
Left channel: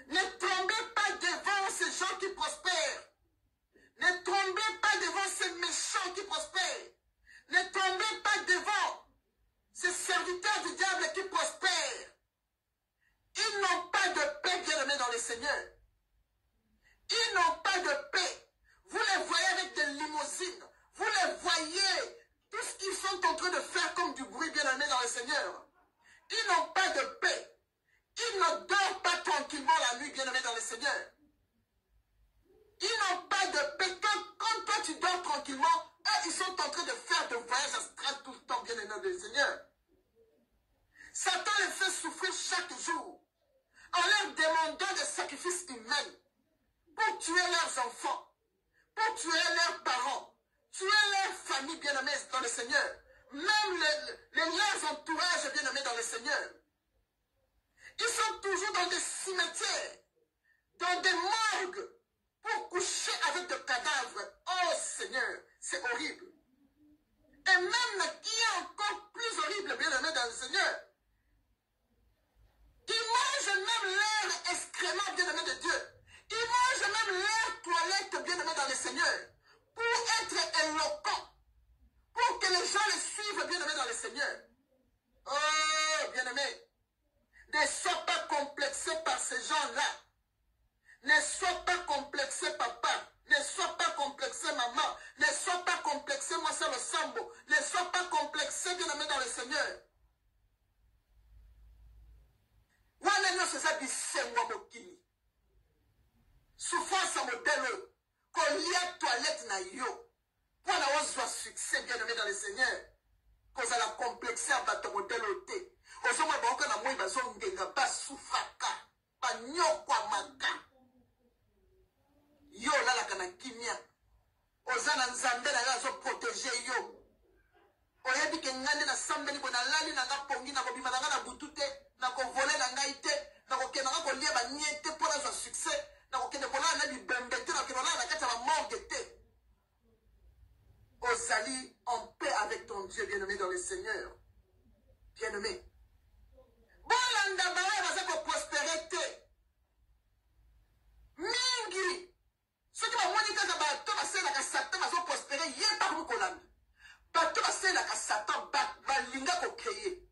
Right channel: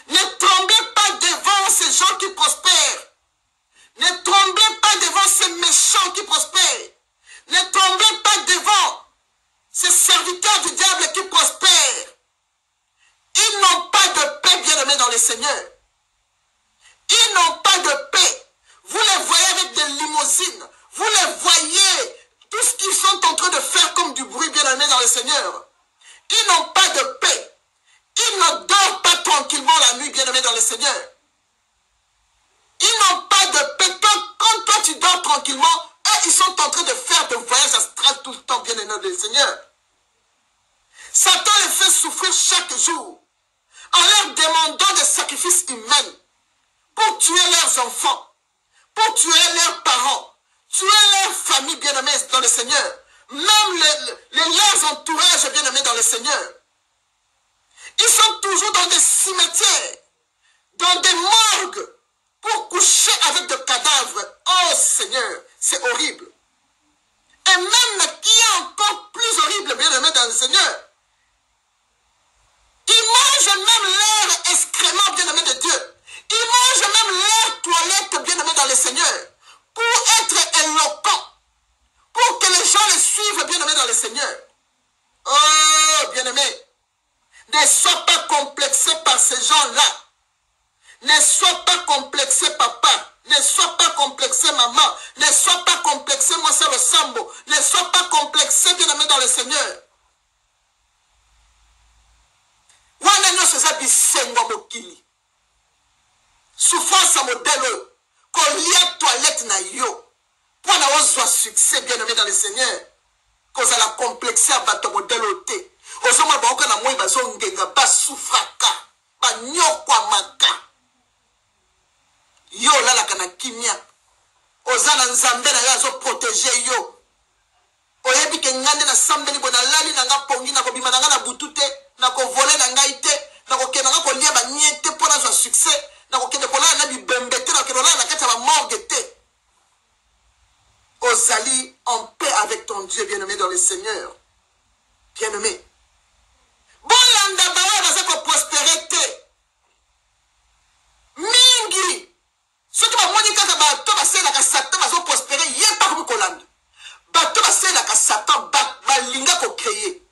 Ne tremblez pas devant ces gens qui prospèrent. Ne tremblez pas devant ces méchants qui prospèrent. Ne tremblez pas devant ces serviteurs du diable qui prospèrent. Ils n'ont pas de paix, bien-aimé, dans le Seigneur. Ils n'ont pas de paix. Vous les voyez avec des limousines. Vous les voyez, tout ce qu'ils sont en train de faire comme du bruit, bien-aimé, dans le Seigneur. Ils n'ont pas de paix. Ils ne dorment pas tranquillement la nuit, bien-aimé, dans le Seigneur. Ils n'ont pas de paix. Quand toi tu dors tranquillement, eux, ils sont en train de faire des voyages astrales tout le temps, bien-aimé, dans le Seigneur. Satan les fait souffrir chaque jour en leur demandant des sacrifices humains pour tuer leurs enfants, pour tuer leurs parents, tuer leur famille bien-aimée dans le Seigneur, même leurs entourages bien-aimés dans le Seigneur. Ils sont toujours dans des cimetières, dans des morgues, pour coucher avec des cadavres. Oh Seigneur, c'est horrible. Et même qui est encore plus horrible, bien-aimé dans le Seigneur, ils mangent même leur excrément, bien-aimé de Dieu. Ils mangent même leur toilette, bien-aimé dans le Seigneur, pour être éloquents, pour que les gens les suivent, bien-aimé dans le Seigneur. Oh, bien-aimé, ne sois pas complexé par ces gens-là. Ne sois pas complexé, papa. Ne sois pas complexé, maman. Ne sois pas complexé, moi c'est le sambo. Ne sois pas complexé, bien-aimé dans le Seigneur. Wana nyonso eza bisengo mokili. Souffrance à modèle. Kolia toilette na yo. Pour na ozwa succès, bien-aimé dans le Seigneur. Koza la complexé à bato modèle ote. Ozoma baoka na moi bazongenga ba souffraka. Ba nyokwa maka. Yo lalaka na kimia. Ozana nzambe na yo azo protéger yo. Oyebi ke ngande na sambeli bona lali na nga pongi na kobima na nga na butute na ko voler na ngai te na ko kena nga ko lia ba niete pona za succès na ko kende kola na bibembe te na ko la na kata ba morgue te. Ozali en paix avec ton Dieu bien-aimé dans le Seigneur. Bien-aimé. Bon landa ba baza ko prospérité. Mingi. Ce qui va moni kaka ba to ba sela ka satan bazo prospérer yé pas comme Kolanda. Bato basela ka Satan balinga ko créer.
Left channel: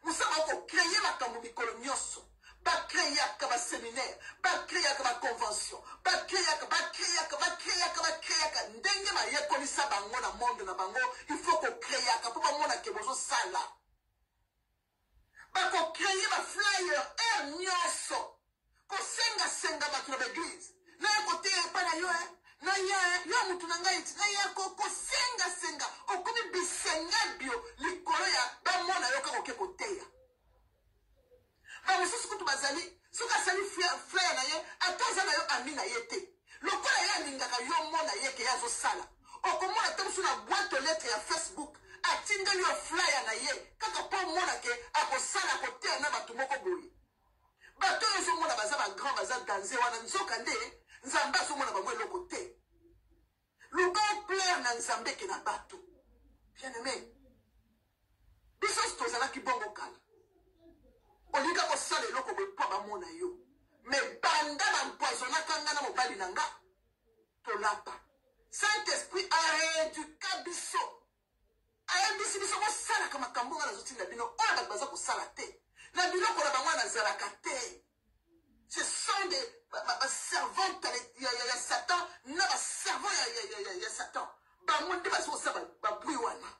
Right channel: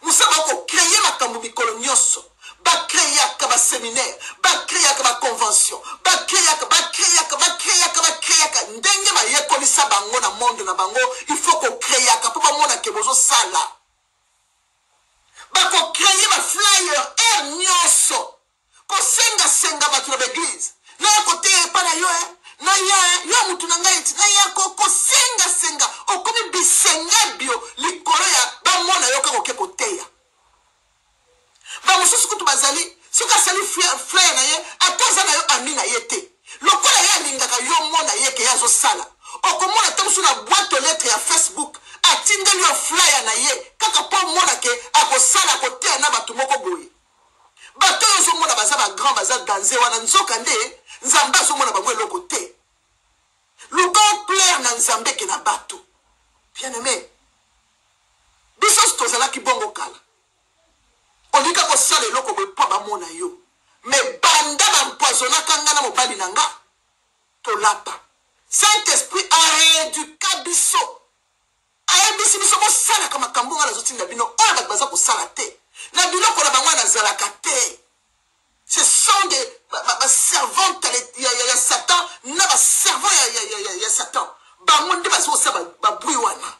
Musaba ko créer makambo mikolo nyonso. Ba créer ka ba séminaire, ba créer ka ba convention, ba créer ka ndenge ma yekolisa bango na monde na bango, il faut ko créer ka po ba mona ke bozo sala. Ba ko créer ma flyer nyonso. Ko senga bato na l'église. Na côté pa na yo na ya mutu na ngai na ya ko senga okomi bisenga bio likolo flyer na ye kaka po mona ke akosala kotea na bato moko boye bato oyo ozomona baza bagrand baza danse wana nzoka nde nzambe azomona bango eloko te luka oplaire na nzambe ke na bato bien aimé biso tozalaki bongo kala olika kosala eloko boye mpo bamona yo me banda bampoisonaka nga na mobali na nga tolapa Saint-Esprit aéduka biso ayebisi biso kosalaka makambo nga nazotinda bino oyo bato baza kosala te na biloko na bango nazalaka te ce sont des servantes ya Satan na baservant ya Satan bango nde baza kosala babui wana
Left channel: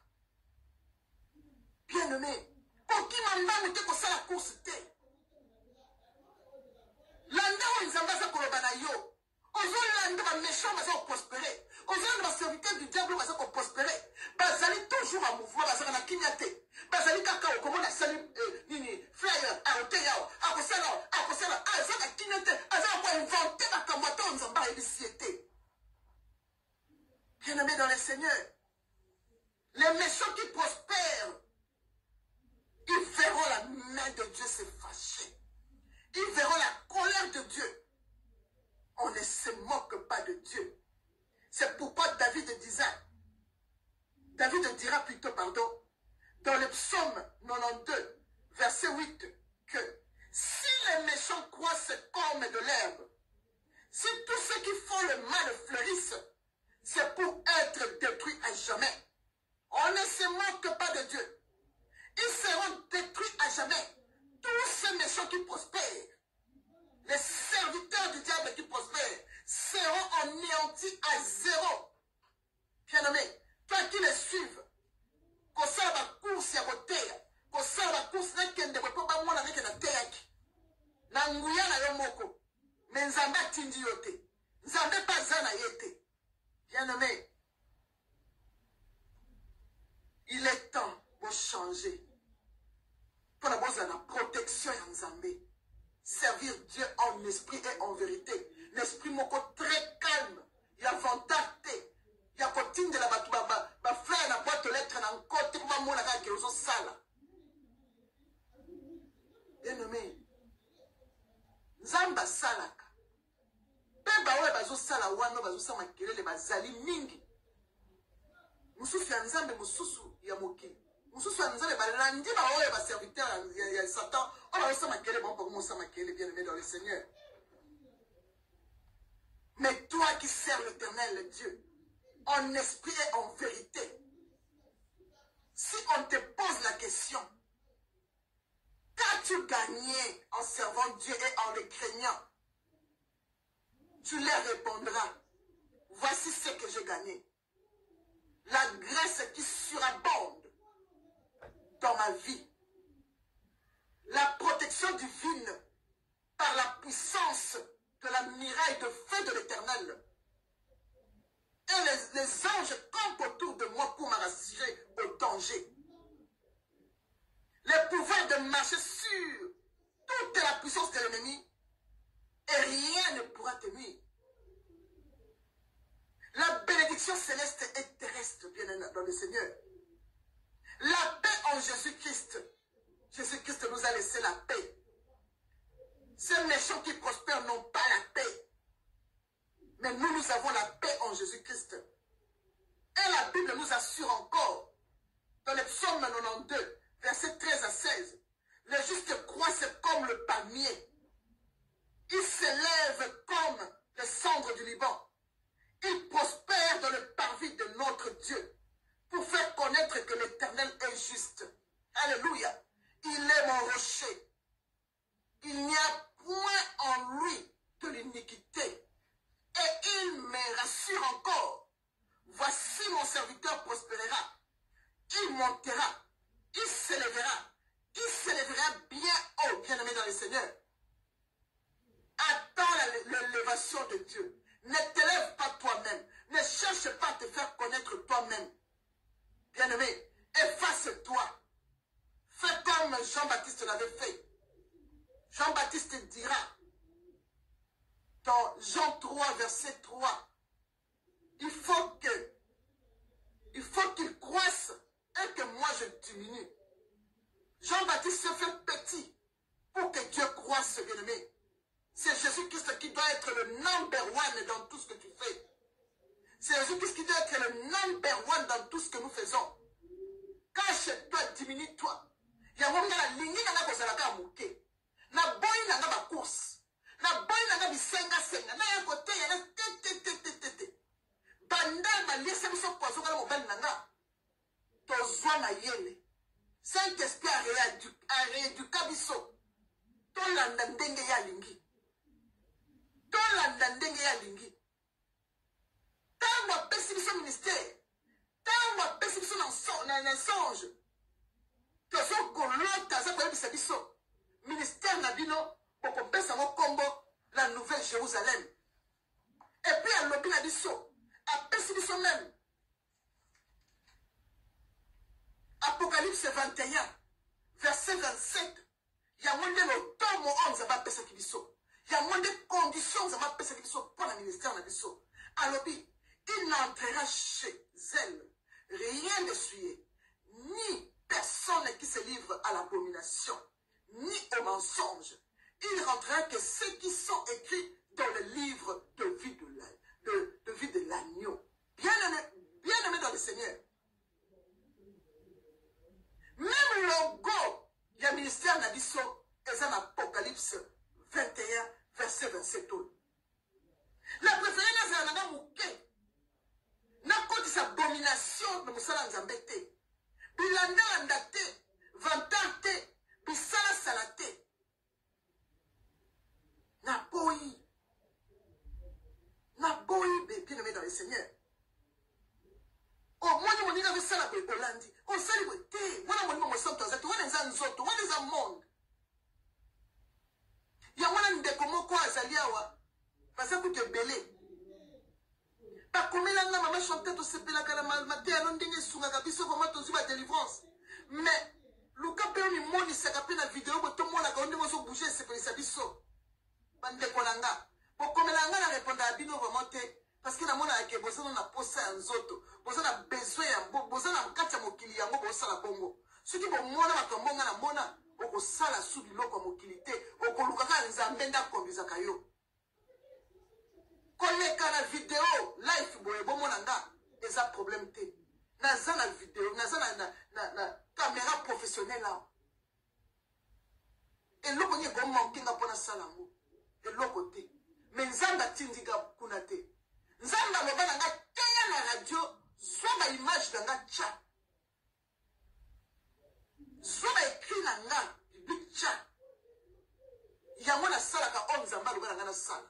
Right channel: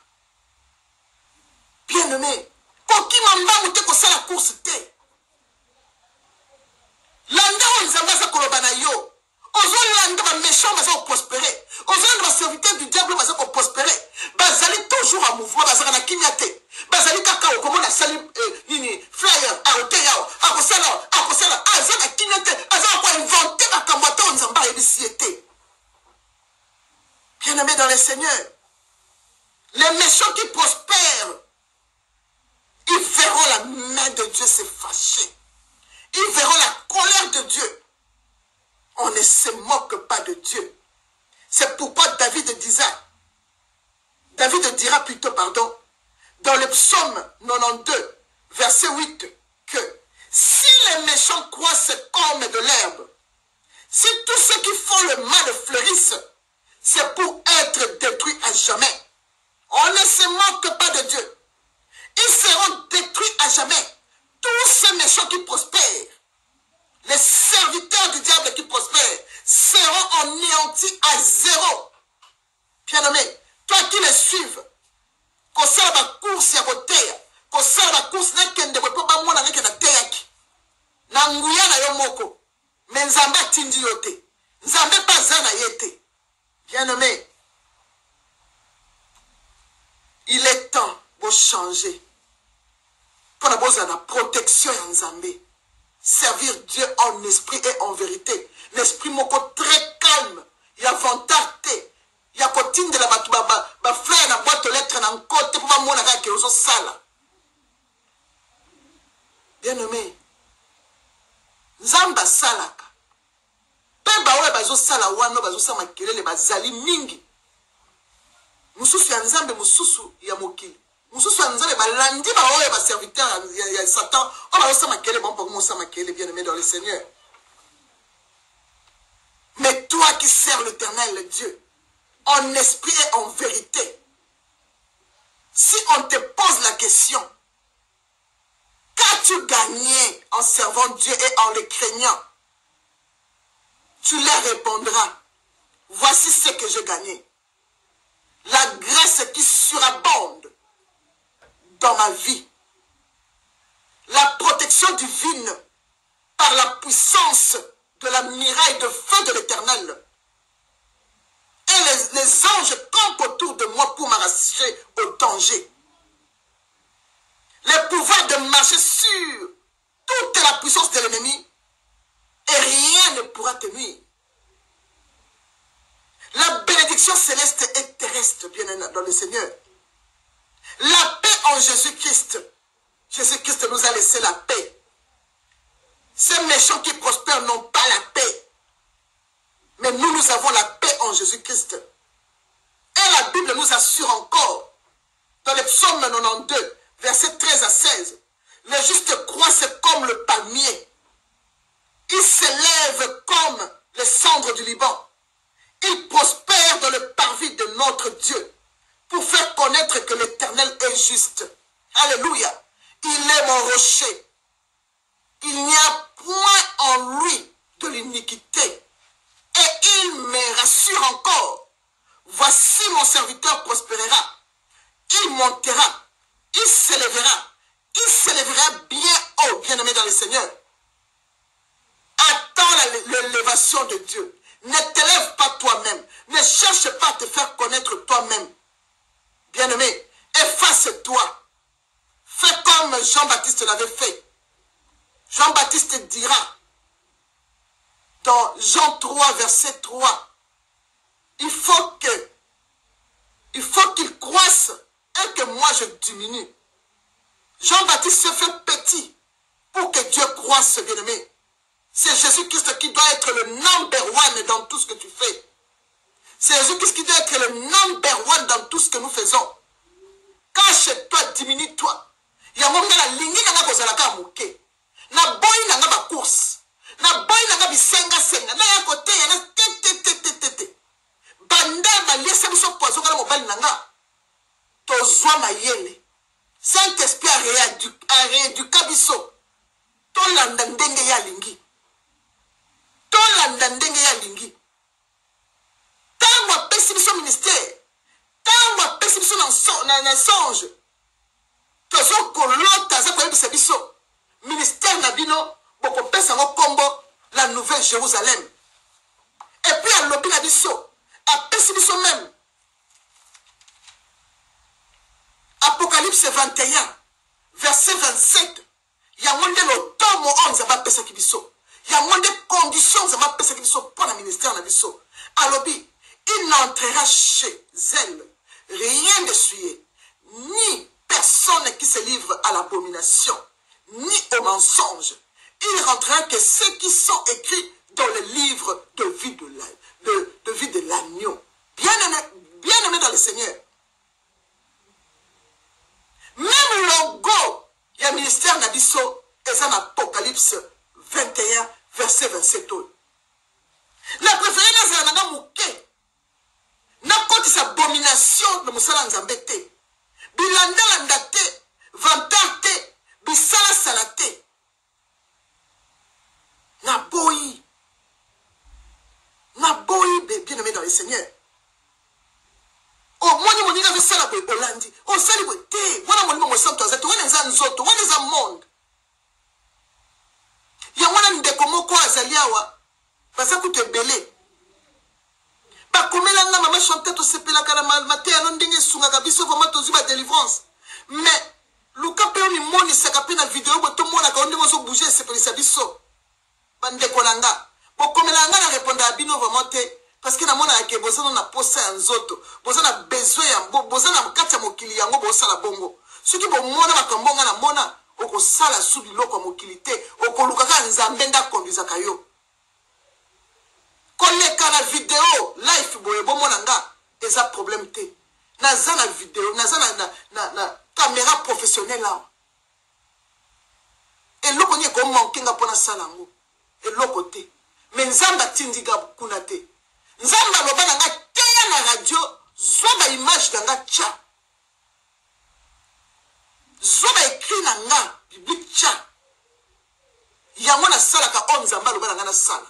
bien aimé kokima mbangu te kosala course te landa oyo nzambe aza koloba na yo ozolanda baméchant baza koprospere ozolanda baserviteur du diable baza koprospere bazali toujours en mouvement bazaka na kimia te bazali kaka okomona asali nini flyer aote yao akosala aza na kimia te aza koinvente makambo ata oyo nzambe ayebisi ye te bien aimé dans le Seigneur les méchants qui prospèrent ils verront la main de Dieu se fâcher ils verront la colère de Dieu. On ne se moque pas de Dieu. C'est pourquoi David dira plutôt, pardon, dans le psaume 92, verset 8, que si les méchants croissent comme de l'herbe, si tous ceux qui font le mal fleurissent, c'est pour être détruits à jamais. On ne se moque pas de Dieu. Ils seront détruits à jamais. Tous ces méchants qui prospèrent, les serviteurs du diable qui prospèrent, seront anéantis à zéro. Bien-aimé, toi qui les suives, qu'on sait la course à côté, qu'on sait la course n'a qu'un de vos pas moi avec la théâtre. N'angouya na yomoko, mais nzamba tindi yote, nzamba pas zana yete. Bien-aimé, il est temps de changer. Pour la besoin de la protection en Zambé. Servir Dieu en esprit et en vérité. L'esprit moko très calme. Il y a vantate. Il y a cotine de la batouba. Ba frère na boîte aux lettres na côté pour moi na ke oso sala. Bien aimé. Nzamba salaka. Pe ba we bazo sala wano bazo sama kelele bazali mingi. Mususu ya nzambe mususu ya mokili. Mususu ya nzambe balandi ba oyo ba serviteur ya Satan. On va osama kele bon pour osama kele bien aimé dans le Seigneur. Mais toi qui sers l'Éternel le Dieu en esprit et en vérité, si on te pose la question, qu'as-tu gagné en servant Dieu et en le craignant? Tu leur répondras, voici ce que j'ai gagné. La grâce qui surabonde dans ma vie. La protection divine par la puissance de la miraille de feu de l'Éternel. Et les anges campent autour de moi pour m'arracher au danger. Le pouvoir de marcher sur toute la puissance de l'ennemi et rien ne pourra te nuire. La bénédiction céleste et terrestre, bien dans le Seigneur. La paix en Jésus-Christ. Jésus-Christ nous a laissé la paix. Ces méchants qui prospèrent n'ont pas la paix. Mais nous avons la paix en Jésus-Christ. Et la Bible nous assure encore, dans le psaume 92, versets 13 à 16, les justes croissent comme le palmier. Ils s'élèvent comme les cendres du Liban. Ils prospèrent dans le parvis de notre Dieu pour faire connaître que l'Éternel est juste. Alléluia. Il est mon rocher. Il n'y a point en lui de l'iniquité. Et il me rassure encore. Voici mon serviteur prospérera. Il montera. Il s'élèvera. Il s'élèvera bien haut, bien-aimé dans le Seigneur. Attends l'élévation de Dieu. Ne t'élève pas toi-même. Ne cherche pas à te faire connaître toi-même. Bien-aimé, efface-toi. Fais comme Jean-Baptiste l'avait fait. Jean-Baptiste dira, dans Jean 3, verset 3, il faut qu'il croisse et que moi je diminue. Jean-Baptiste se fait petit pour que Dieu croisse, bien-aimé. C'est Jésus-Christ qui doit être le number one dans tout ce que tu fais. C'est Jésus-Christ qui doit être le number one dans tout ce que nous faisons. Cache-toi, diminue-toi. Il y a un moment la ligne n'a pas kozalaka mouké. Na boy n'a pas course. Na boy n'a pas bisenga senga. Na ya côté ya na tete. Banda ba laisse biso poison kala mobali nanga. Tozwa mayele. Saint-Esprit a rééduqué biso. Tolanda ndenge ya lingi. Tolanda ndenge ya lingi. Tango apesi biso ministère. Tango apesi biso na songe. Tozo kolota za koyebisa biso. Ministère na bino boko pesa ngo kombo la nouvelle Jérusalem. Et puis à lobi na biso. Apesi biso même. Apocalypse 21, verset 27. Il y a un de tomo 11 va pesa kibiso. Il y a un de conditions va pesa kibiso pour le ministère na biso. Alobi, il n'entrera chez elle rien de souillé, ni personne qui se livre à l'abomination, ni au mensonge. Il rentrera que ceux qui sont écrits dans le livre de vie de l'agneau. Bien-aimé dans le Seigneur. Même logo, il y a ministère Nabiso, et ça Apocalypse 21, verset 27. La préférée c'est la nana mouké. Na côté sa abomination de Moussala Nzambete. Bilanda landate, vantate, bisala salate. Na boyi, bien aimé dans le Seigneur. Oh, moi, je suis ça la Bolandi. Oh, ça, moi, je suis ça, tu es un zoto, tu es un monde. Il y a un de comment quoi, Zaliawa, parce que tu es belé. Pas comme la maman chantait, tu sais, la caramel, maté, à l'onding, sunga, gabiso, vraiment, tu as délivrance. Mais, le capé, mi moni, ça capé dans la vidéo, tout le monde a quand on bouger, c'est pour les abisso. Bande kolanga. Pour comme la ngana répondre à Bino, vraiment, parce que na mona ke bozana na posa ya nzoto bozana besoin ya bozana mkata mokili yango bosala bongo soki bo mona makambonga na mona okosala su biloko mokilité okolukaka nzambe nda konduisa kayo koleka na vidéo live boye bomona nga eza problème te naza na vidéo naza na caméra professionnelle là eloko ni ko manquer nga pona sala ngo eloko te mais nzamba tindiga kuna te. Nzamba loba nanga teya na radio zoba image nanga tcha zoba écrit nanga biblique tcha yango na sala ka on nzamba loba nanga na sala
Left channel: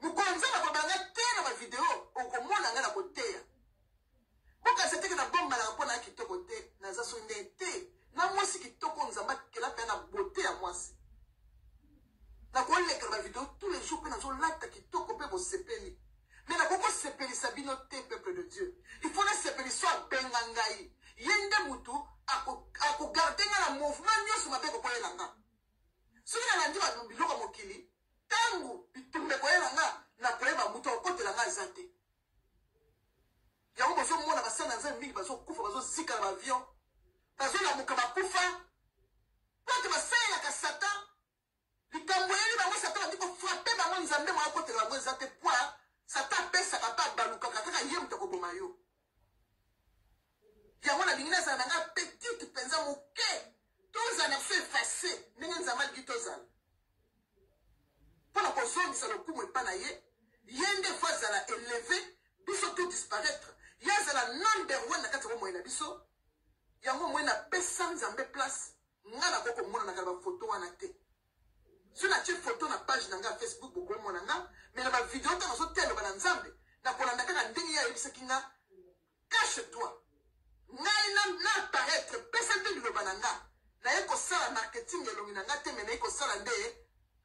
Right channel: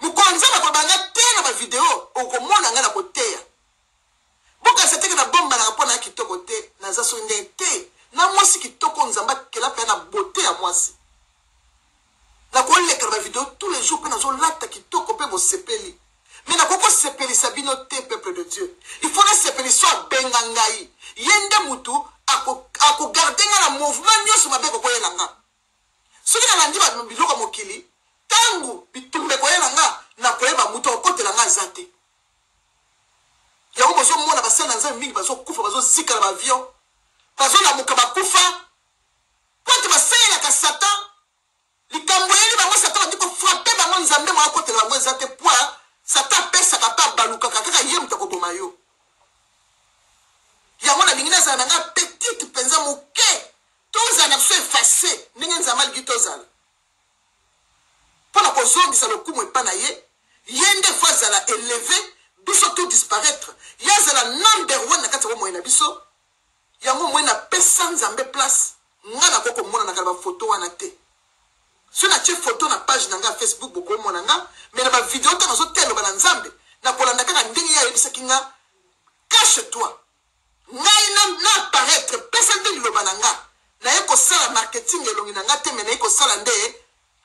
mukonza na kobanga teya na ba video okomona nanga na koteya boka seteke na bomba na pona kitoko te na zaso ndete na mwasi kitoko nzamba kela pe na beauté ya mwasi na koleka ba video tous les jours pe na zo lata kitoko pe bo sepeli. Mais na koko sepeli sabino te peuple de Dieu. Il faut na sepeli soit bengangai. Yende mutu ako garder na mouvement nyoso mabe ko koyela nga. Soki na landi ba biloko mokili, tangu bitumbe koyela nga na koyeba mutu okotela nga zate. Ya ko bozo mona basana nzambe mingi bazo kufa bazo zika na avion. Bazo na mukaba kufa. Pote basela ka Satan. Likambo yeli bango Satan ndiko frapper bango nzambe mwa kotela bango zate point. Satan pesa kapa baluka kaka yem to koboma yo. Ya mona lingina za nanga petite penza muke. Toza na so effacer ninga nzama ligitozala. Pona ko zongi sa lokumu epana ye, yende fois za la élevé, biso tout disparaître. Ya za la number 1 na kati wa moyena biso. Ya mo moyena pesa nzambe place. Ngana koko mona na kala photo wana te. Si on a une photo na page nanga Facebook boko monanga mais na ba vidéo ta nazo telo bana nzambe na kolanda kaka ndenge ya yebisa kinga cache-toi ngai na apparaître pesa ndenge lo bananga na yeko sala marketing elongi nanga te mais na yeko sala nde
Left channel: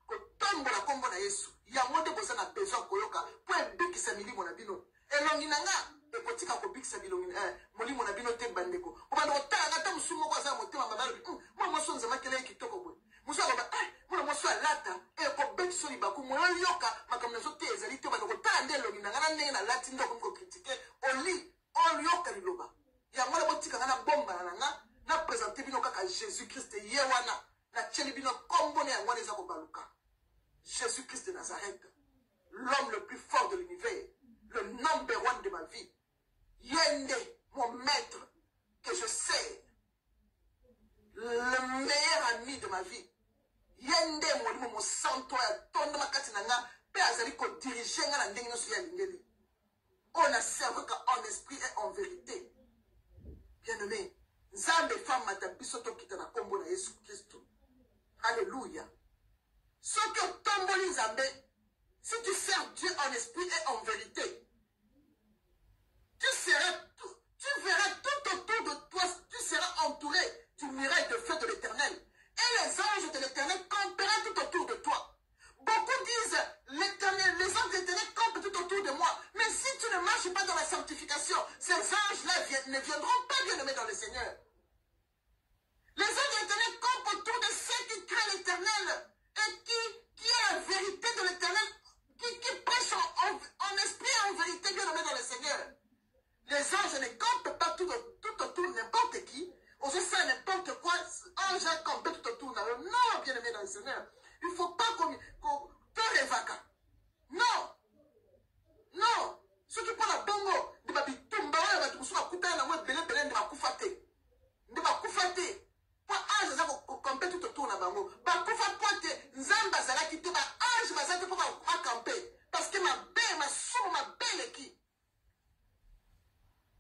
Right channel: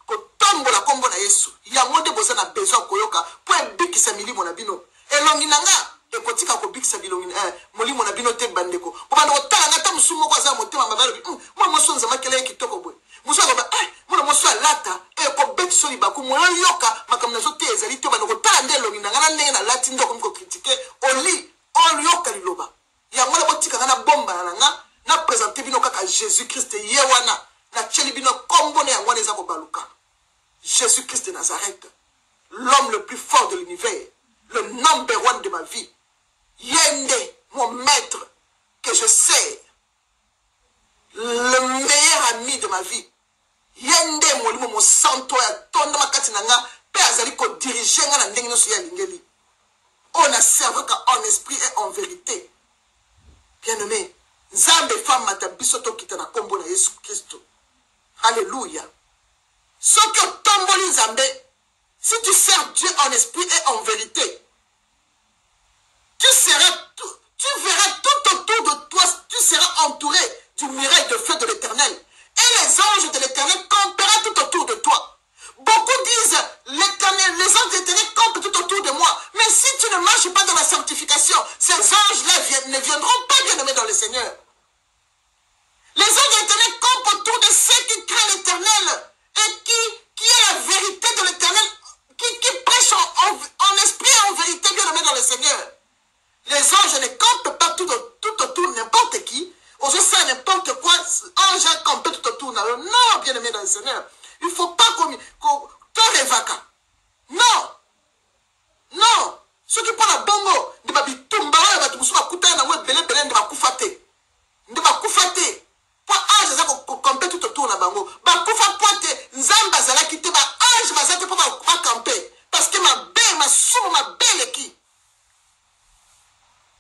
ko tombola kombo na Yesu ya monde boza na besoin koyoka po ebikisa milimo na bino elongi nanga ekotika ko bikisa bilongi molimo na bino te bandeko po bana otala ngata musumo kwa za motema mabalo mo moso nzama kele kitoko boy muso ba mona moso alata ko bekiso libaku mo yoka makamna zo te ezali te bana ko tala ndelo ngina ngana ndenge na lati ndoko mko critiquer oli yoka liloba ya ngala botika Jésus-Christ de Nazareth, l'homme le plus fort de l'univers, le number one de ma vie, Yende, mon maître, que je sers, le meilleur ami de ma vie, Yende, mon santo, ton makati nanga, pe azali ko diriger nga na ndenge nyonso ya lingeli. On a servi en esprit et en vérité. Bien-aimé, Nzambe femme matabiso to kita na kombo na Yesu Christo. Alléluia. Ce que tomboli Nzambe, si tu sers Dieu en esprit et en vérité, tu verras tout autour de toi, tu seras entouré du mireille de feu de l'Éternel. Et les anges de l'Éternel camperaient tout autour de toi. Beaucoup disent, l'Éternel, les anges de l'Éternel campent tout autour de moi. Mais si tu ne marches pas dans la sanctification, ces anges-là ne viendront pas bien-aimés dans le Seigneur. Les anges de l'Éternel campent autour de ceux qui craignent l'Éternel et qui est la vérité de l'Éternel, qui prêchent en esprit et en vérité bien-aimés dans le Seigneur. Les anges ne campent pas tout autour n'importe qui. On se sait n'importe quoi. Ange a campé tout autour. Non, bien-aimé dans le Seigneur. Il ne faut pas qu'on te révaca. Non. Non. Ceux qui prennent la bongo, de ma bitumba, de ma tumba, kuta na mwe bele bele de ma kufate. De ma kufate. Pour ange za ko camper tout autour na bango. Ba kufa pointe nzamba zala kite ba ange bazate pour pas camper parce que ma belle ma sumo ma belle qui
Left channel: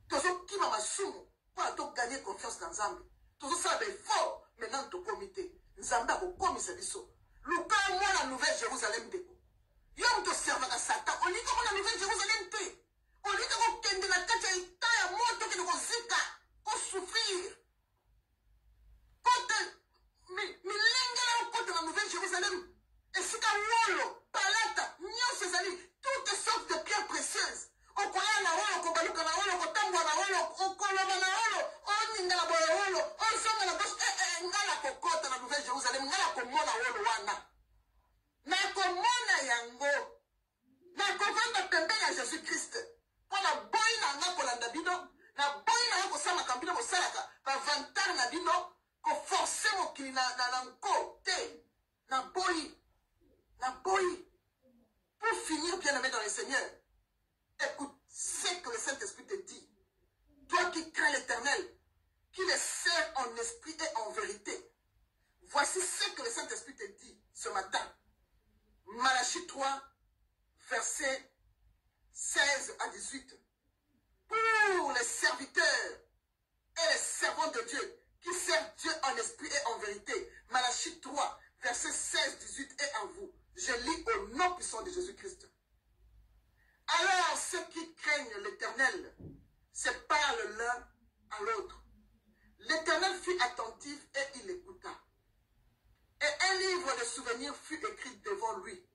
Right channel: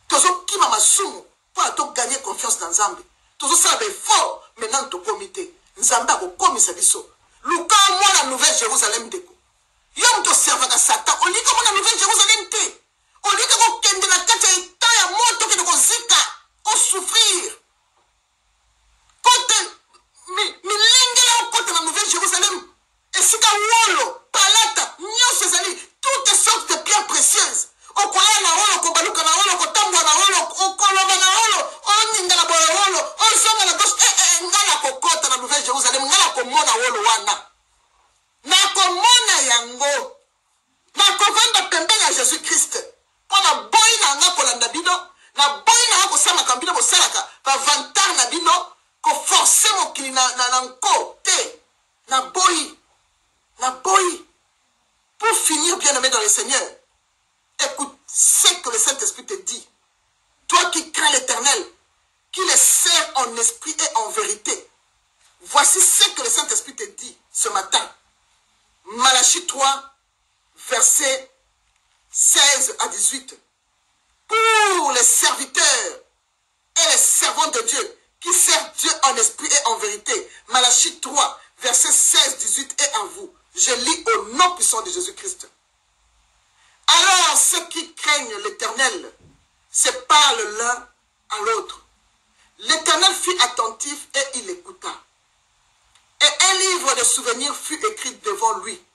Tozo qui m'a sumo pour gagner confiance dans Nzambe. Tozo ça fort maintenant to comité. Nzamba ko komisa biso. Luka moi la nouvelle Jérusalem deko. Yom to serva ka Satan. On lit comme la nouvelle Jérusalem te. On lit comme kende na kata ita ya moto ke ko zika. On souffrir. Côté milenge la côté la nouvelle Jérusalem. Et si ka wolo, palata, nyo sezali, toutes sortes de pierres précieuses. O kwaya na wolo, ko baluka na wolo, ko tambwa na wolo, o koloba na wolo, o ninga na boya wolo, o zonga na gauche, ngala ko kota na nouvelle Jérusalem, ngala ko mona wolo wana. Na ko mona yango. Na ko vanda pembeni ya Jésus Christ. Pour na boy na nga ko landa bino, na boy na ko sama kambino ko salaka, va vantar na bino, ko forcer mo kili na nko te. Na boy. La boy. Pour finir bien-aimé dans le Seigneur, écoute ce que le Saint-Esprit te dit. Toi qui crains l'Éternel, qui le sers en esprit et en vérité. Voici ce que le Saint-Esprit te dit ce matin. Malachie 3, versets 16 à 18. Pour les serviteurs et les servants de Dieu, qui servent Dieu en esprit et en vérité. Malachie 3, versets 16, 18 et à vous. Je lis au nom puissant de Jésus-Christ. Alors ceux qui craignent l'Éternel se parlent l'un à l'autre. L'Éternel fut attentif et il écouta. Et un livre de souvenirs fut écrit devant lui.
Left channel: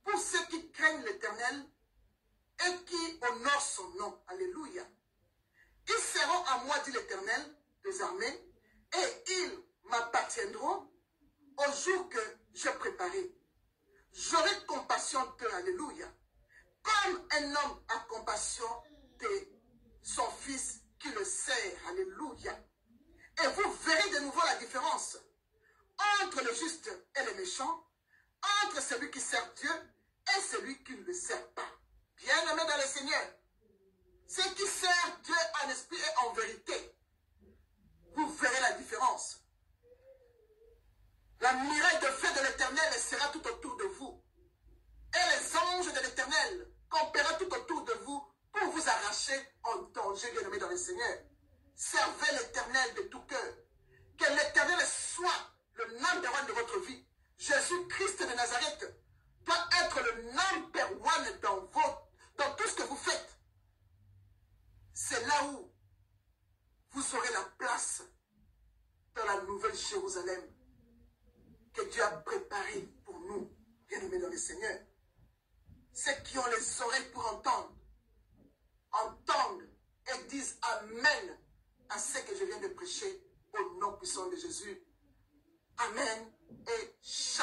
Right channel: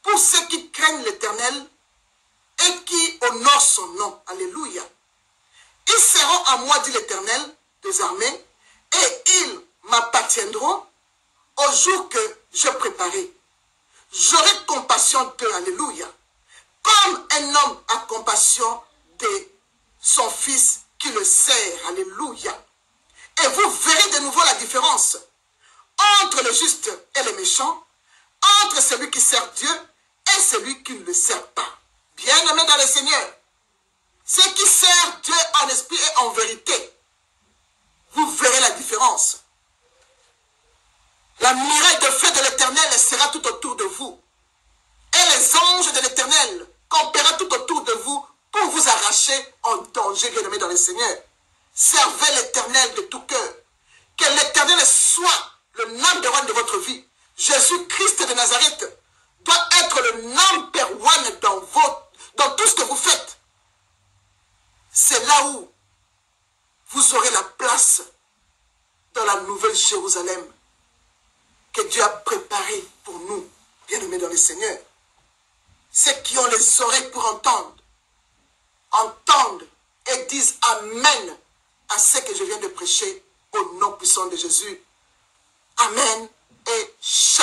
Pour ceux qui craignent l'Éternel et qui honorent son nom. Alléluia. Ils seront à moi, dit l'Éternel des armées, et ils m'appartiendront au jour que je préparai. J'aurai compassion d'eux, alléluia. Comme un homme a compassion de son fils qui le sert, alléluia. Et vous verrez de nouveau la différence entre le juste et le méchant, entre celui qui sert Dieu et celui qui ne le sert pas. Bien-aimés dans le Seigneur, ceux qui servent Dieu en esprit et en vérité, vous verrez la différence. La muraille de feu de l'Éternel sera tout autour de vous. Et les anges de l'Éternel campera tout autour de vous pour vous arracher en danger, bien-aimés dans le Seigneur. Servez l'Éternel de tout cœur. Que l'Éternel soit le number one de votre vie. Jésus-Christ de Nazareth doit être le number one dans tout ce que vous faites. C'est là où vous aurez la place dans la nouvelle Jérusalem que Dieu a préparée pour nous, bien-aimés dans le Seigneur. Ceux qui ont les oreilles pour entendre, entendent et disent Amen à ce que je viens de prêcher au nom puissant de Jésus. Amen et Shalom.